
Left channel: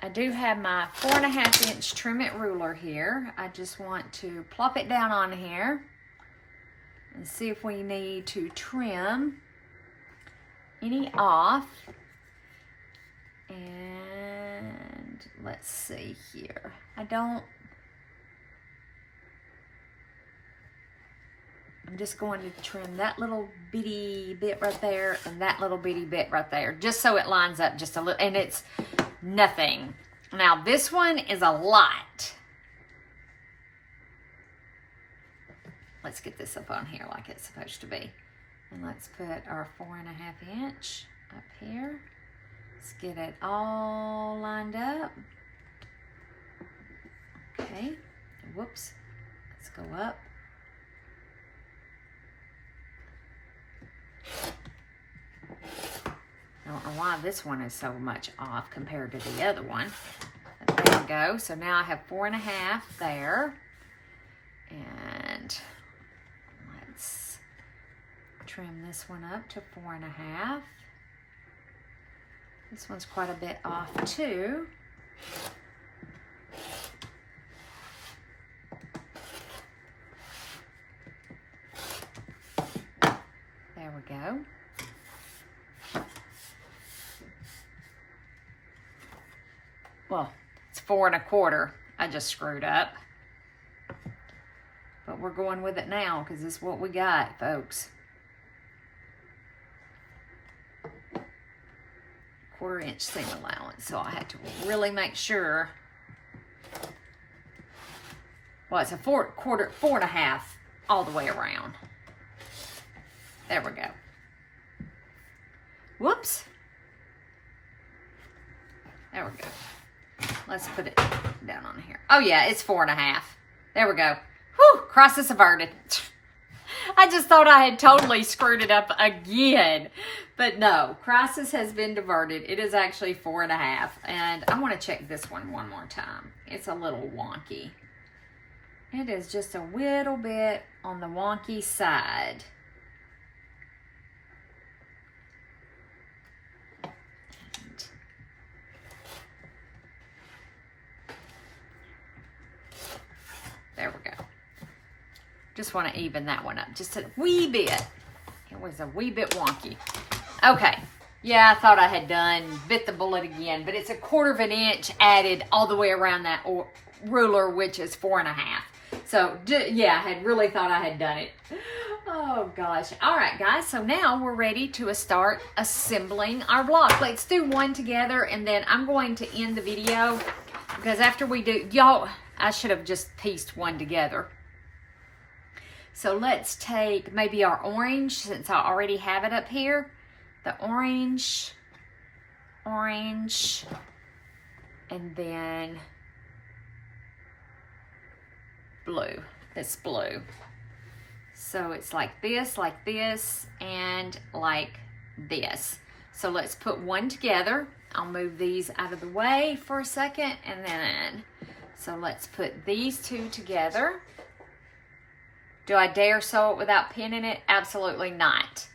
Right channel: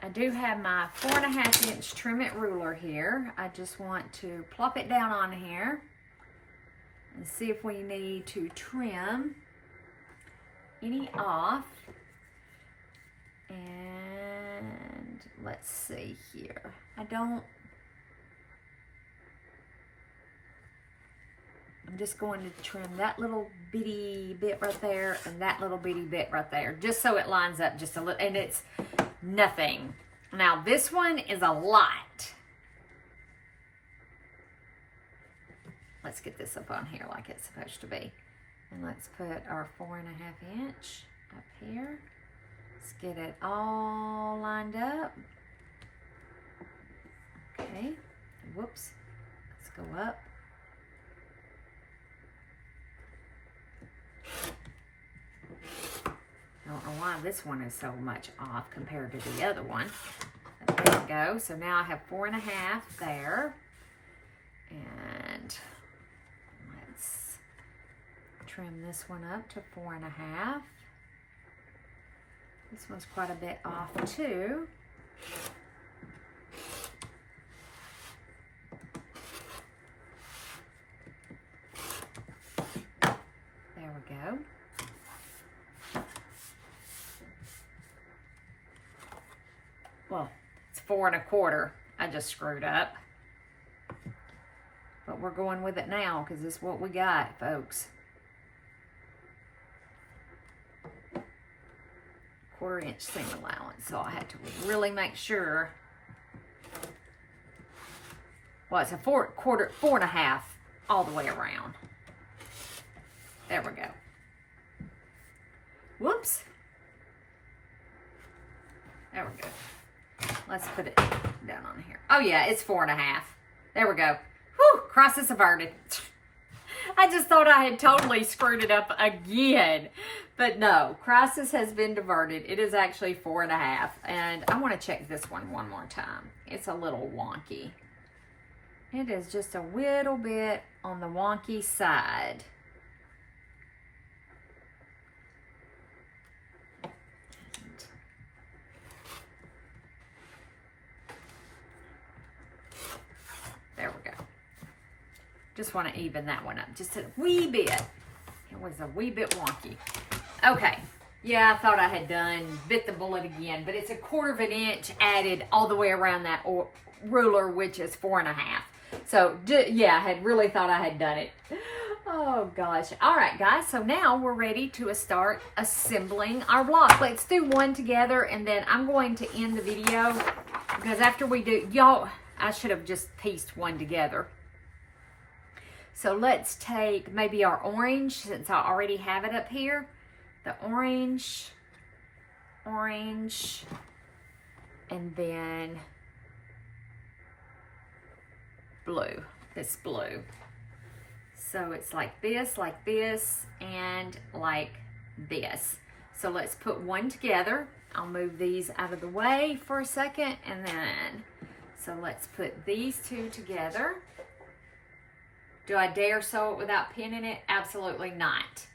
I do have my 4.5 inch trim it ruler here. I just want to plop it down on here and see if we need to trim any off. And let's see here. I'm just going to trim that little bitty bit right there and that little bitty bit right there, just so it lines up just a little, and it's nothing. Now this one is a lot. Let's get this up on here like it's supposed to be. And let's put our 4.5 inch up here. Let's get it all lined up. Okay, whoops, let's go up. I don't know why this one is so much off compared to the other one. But there we go. So now I have 4.5 there. And let's trim this one up to 4.5. This one's quite a bit off too. There we go. Well, it's 4.25. I just screwed up. But we're going with it now because this is what we got, folks. 1/4 inch seam allowance. So I had to really make sure. Well, it's a 4.5 all the way around. There we go. Whoops. There we go. Let's put it down on here. Oh yeah, it's 4.5. There we go. Whew, crisis averted. I just thought I had totally screwed it up again. But no, crisis has been diverted. It is actually 4.5. And I want to check this one more time. It's a little wonky. It is just a little bit on the wonky side. There we go. Just want to even that one up just a wee bit. It was a wee bit wonky. Okay. Yeah, I thought I had bit the bullet again, but it's a 1/4 inch added all the way around that ruler, which is 4.5. So yeah, I had really thought I had done it. Oh gosh. All right, guys. So now we're ready to start assembling our block. Let's do one together, and then I'm going to end the video because after we do, y'all, I should have just pieced one together. So let's take maybe our orange, since I already have it up here. The orange, and then blue. This blue. So it's like this, and like this. So let's put one together. I'll move these out of the way for a second, and then, so let's put these two together. Do I dare sew it without pinning it? Absolutely not.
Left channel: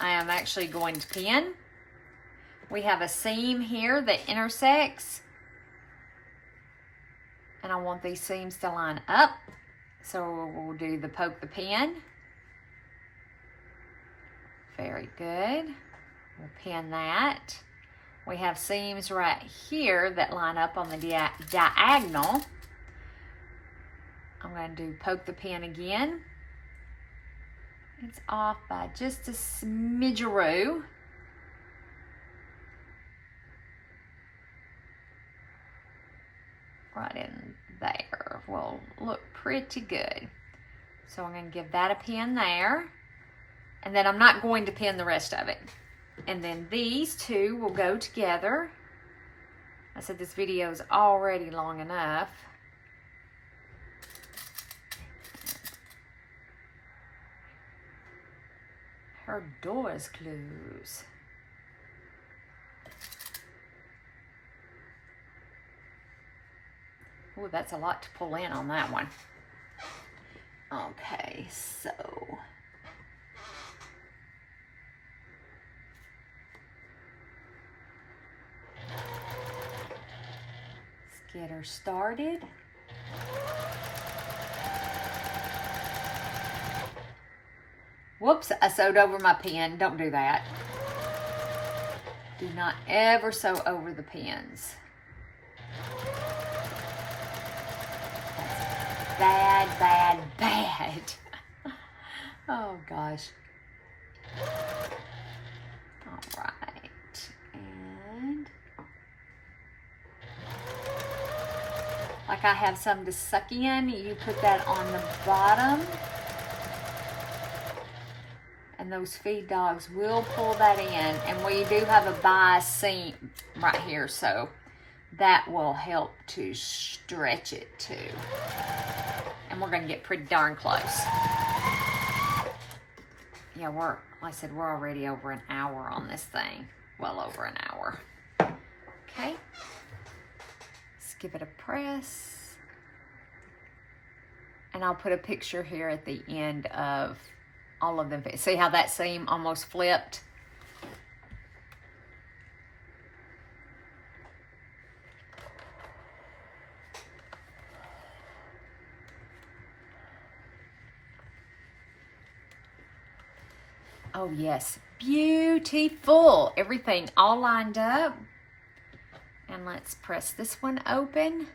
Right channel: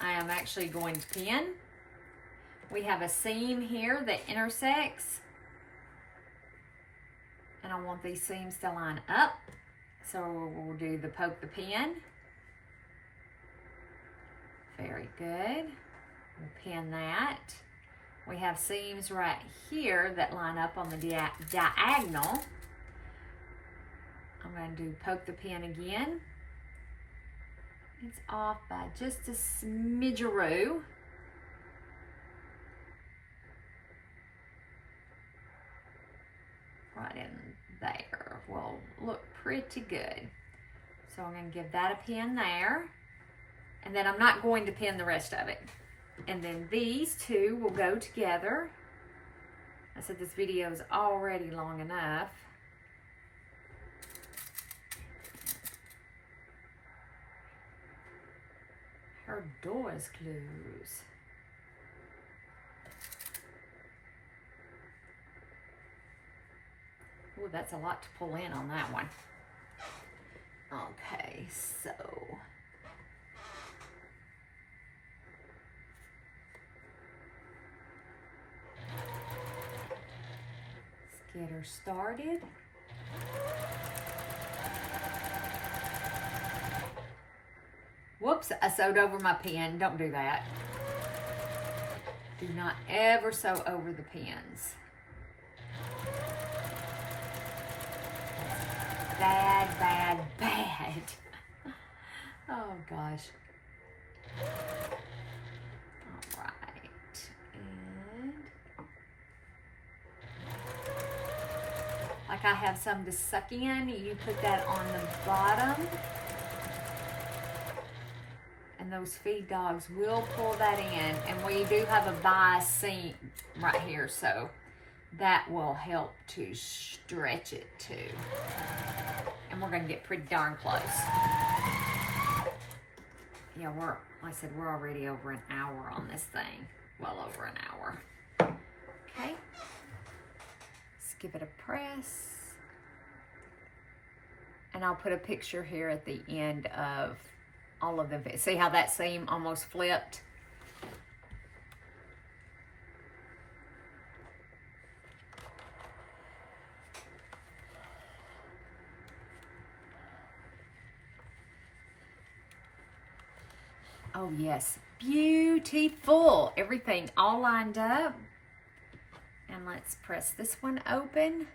I am actually going to pin. We have a seam here that intersects, and I want these seams to line up. So we'll do the poke the pin. Very good. We'll pin that. We have seams right here that line up on the diagonal. I'm going to do poke the pin again. It's off by just a smidgeroo. Right in there will look pretty good. So I'm going to give that a pin there. And then I'm not going to pin the rest of it. And then these two will go together. I said this video is already long enough. Her door is closed. Oh, that's a lot to pull in on that one. Okay, so get her started. Whoops, I sewed over my pen. Don't do that. Do not ever sew over the pins. That's bad, bad, bad. Oh gosh. All right. And like I have some to suck in, you put that on the bottom. And those feed dogs will pull that in. And we do have a bias seam right here, so that will help to stretch it too. And we're gonna get pretty darn close. Yeah, like I said, we're already over an hour on this thing. Well over an hour. Okay. Let's give it a press. And I'll put a picture here at the end of all of them. See how that seam almost flipped? Oh yes, beautiful. Everything all lined up. And let's press this one open.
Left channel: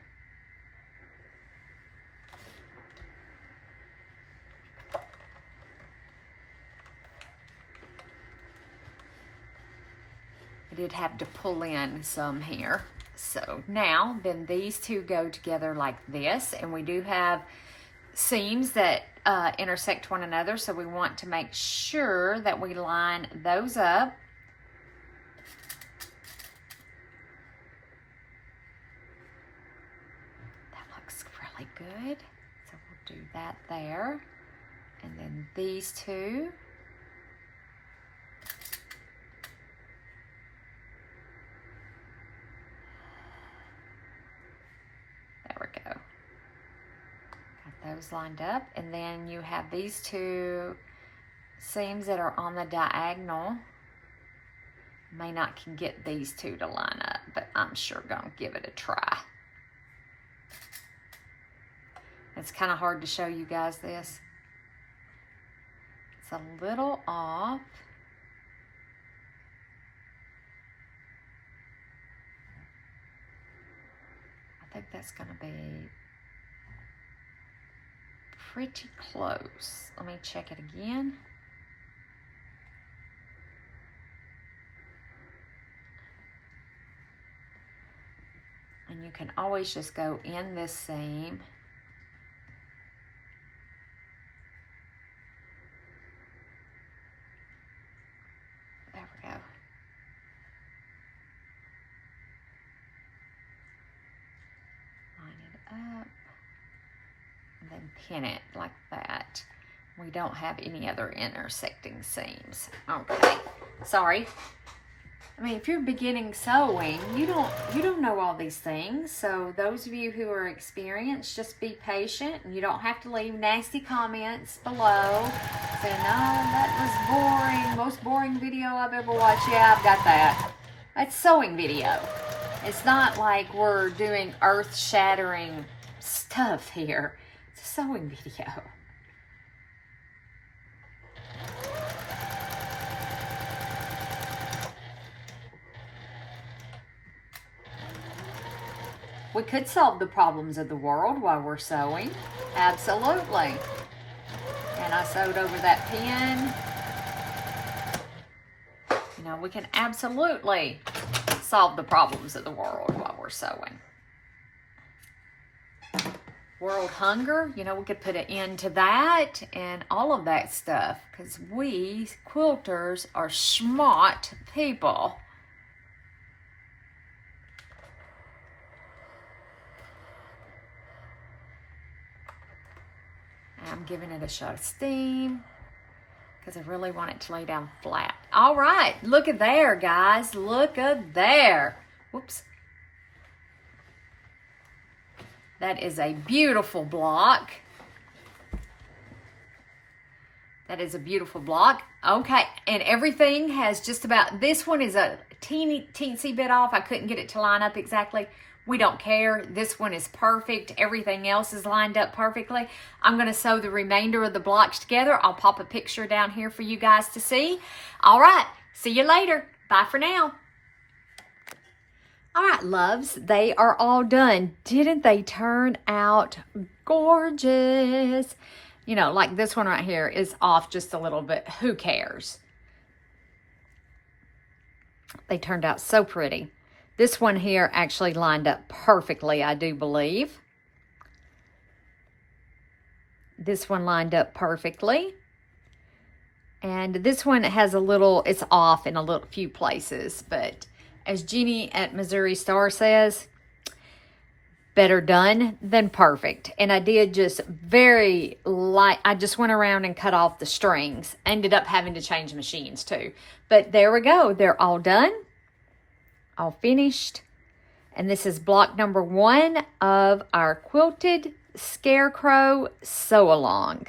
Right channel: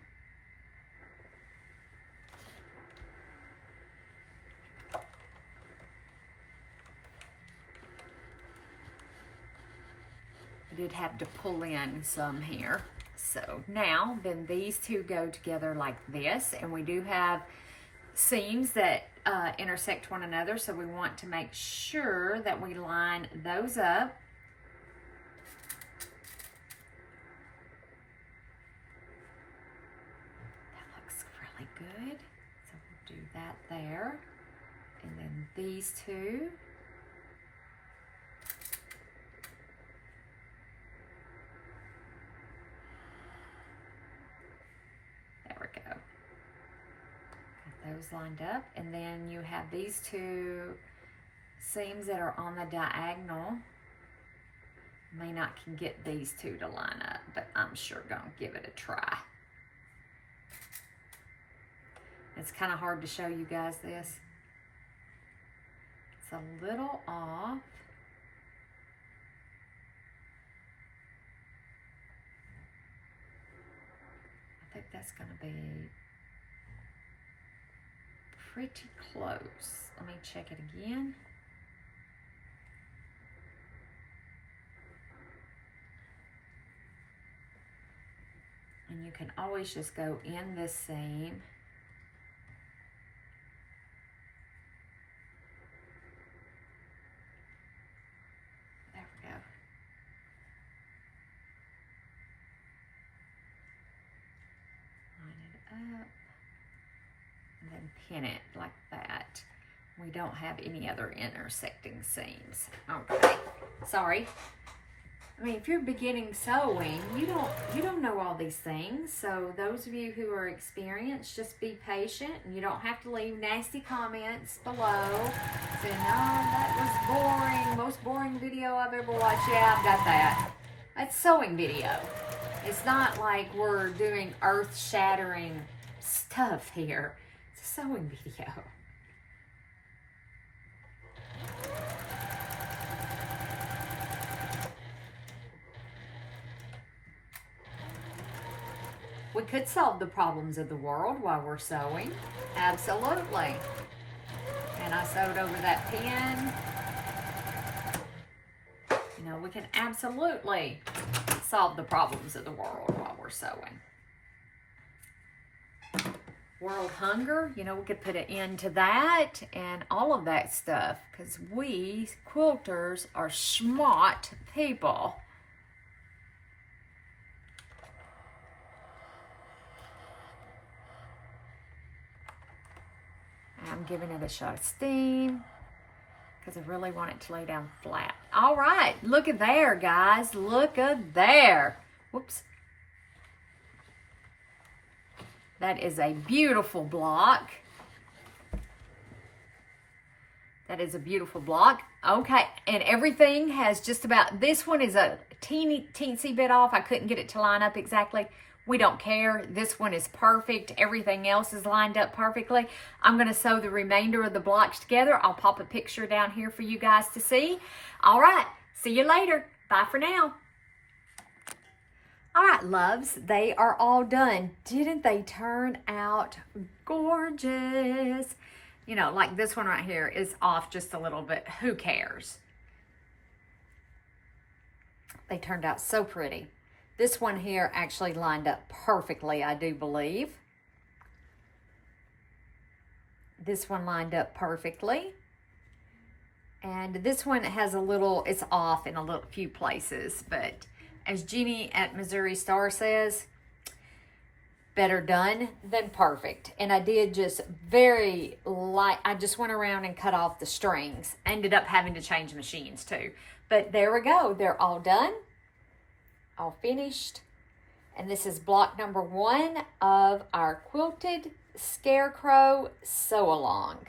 I did have to pull in some here. So now then these two go together like this, and we do have seams that intersect one another, so we want to make sure that we line those up. That looks really good. So we'll do that there. And then these two. Those lined up, and then you have these two seams that are on the diagonal. May not can get these two to line up, but I'm sure gonna give it a try. It's kind of hard to show you guys this. It's a little off. I think that's gonna be pretty close. Let me check it again. And you can always just go in this seam. There we go. Line it up. And then pin it like that. We don't have any other intersecting seams. Okay, sorry. I mean, if you're beginning sewing, you don't know all these things. So those of you who are experienced, just be patient, and you don't have to leave nasty comments below saying, "Oh, that was boring. Most boring video I've ever watched." Yeah, I've got that. That's sewing video. It's not like we're doing earth-shattering stuff here. Sewing video. We could solve the problems of the world while we're sewing. Absolutely. And I sewed over that pin. You know, we can absolutely solve the problems of the world while we're sewing. World hunger, you know, we could put an end to that and all of that stuff, because we quilters are smart people. I'm giving it a shot of steam because I really want it to lay down flat. All right, look at there, guys. Look at there. Whoops. That is a beautiful block. That is a beautiful block. Okay, and everything has just about, this one is a teensy bit off. I couldn't get it to line up exactly. We don't care. This one is perfect. Everything else is lined up perfectly. I'm going to sew the remainder of the blocks together. I'll pop a picture down here for you guys to see. All right. See you later. Bye for now. All right, loves, they are all done. Didn't they turn out gorgeous? You know, like this one right here is off just a little bit. Who cares? They turned out so pretty. This one here actually lined up perfectly, I do believe. This one lined up perfectly. And this one has a little, it's off in a few places, but as Jeannie at Missouri Star says, better done than perfect. And I did just very light, I just went around and cut off the strings. Ended up having to change machines too. But there we go, they're all done, all finished. And this is block number 1 of our Quilted Scarecrow Sew Along.